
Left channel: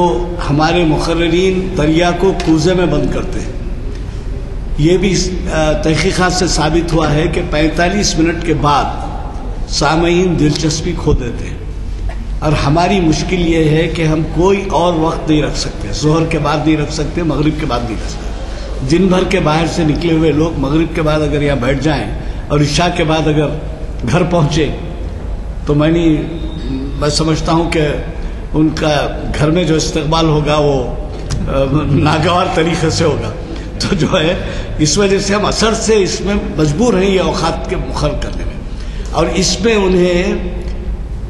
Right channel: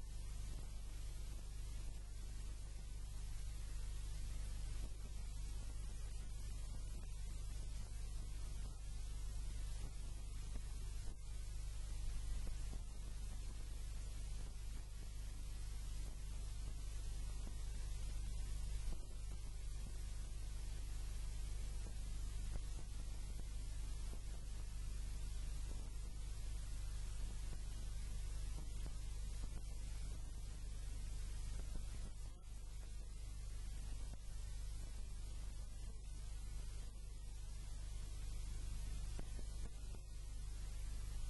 ہمارے مقررین دریا کو کوزے میں بند کرتے ہیں۔ یہ بھی تحقیقات سے ثابت ہوا ہے کہ 45 منٹ کے بعد سامعین دلچسپی کھو دیتے ہیں، اور ہماری مشکل یہ ہے کہ ہم کوئی اور وقت نہیں رکھ سکتے، ظہر کے بعد نہیں رکھ سکتے، مغرب کے بعد نہیں رکھ سکتے۔ دن بھر کے باہر سے نکلے ہوئے لوگ مغرب کے بعد اگر یہاں بیٹھ جائیں اور عشاء کے بعد اگر گھر پہنچے تو میں سمجھتا ہوں کہ ان کا گھر میں جو استقبال ہوگا وہ ناگوار طریقے سے ہوگا۔ تو جو ہے اس وجہ سے ہم اثر سے اس میں مجبور ہیں یہ اوقات کے مقرر کرنے میں، اور اس میں انہیں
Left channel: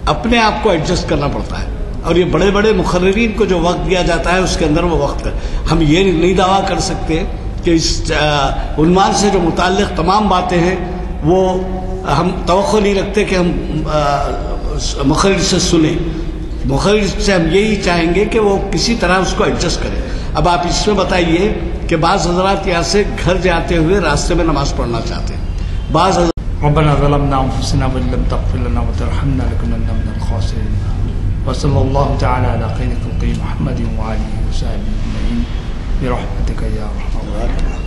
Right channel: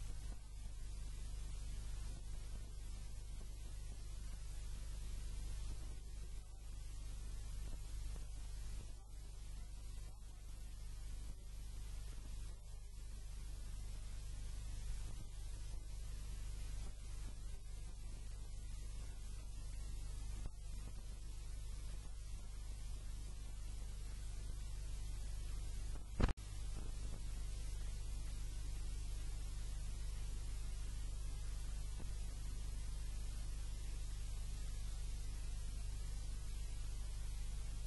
اپنے آپ کو ایڈجسٹ کرنا پڑتا ہے، اور یہ بڑے بڑے مقررین کو جو وقت دیا جاتا ہے اس کے اندر وہ وقت ہے۔ ہم یہ نہیں دعویٰ کر سکتے کہ اس عنوان سے جو متعلق تمام باتیں ہیں وہ ہم توقع نہیں رکھتے کہ ہم مقرر سے سنیں۔ مقرر سے ہم یہی چاہیں گے کہ وہ کسی طرح اس کو ایڈجسٹ کریں۔ اب آپ اس میں بتائیے کہ بعض حضرات یہاں سے گھر جاتے ہوئے راستے میں نماز پڑھنا چاہتے ہیں، بعض ربنا ظلمنا انفسنا وان لم تغفر لنا وترحمنا لنكونن من الخاسرين وصلی اللہ تعالی علی خیر خلق محمد وآلہ وصحبہ اجمعین برحمتک یا ارحم الراحمین.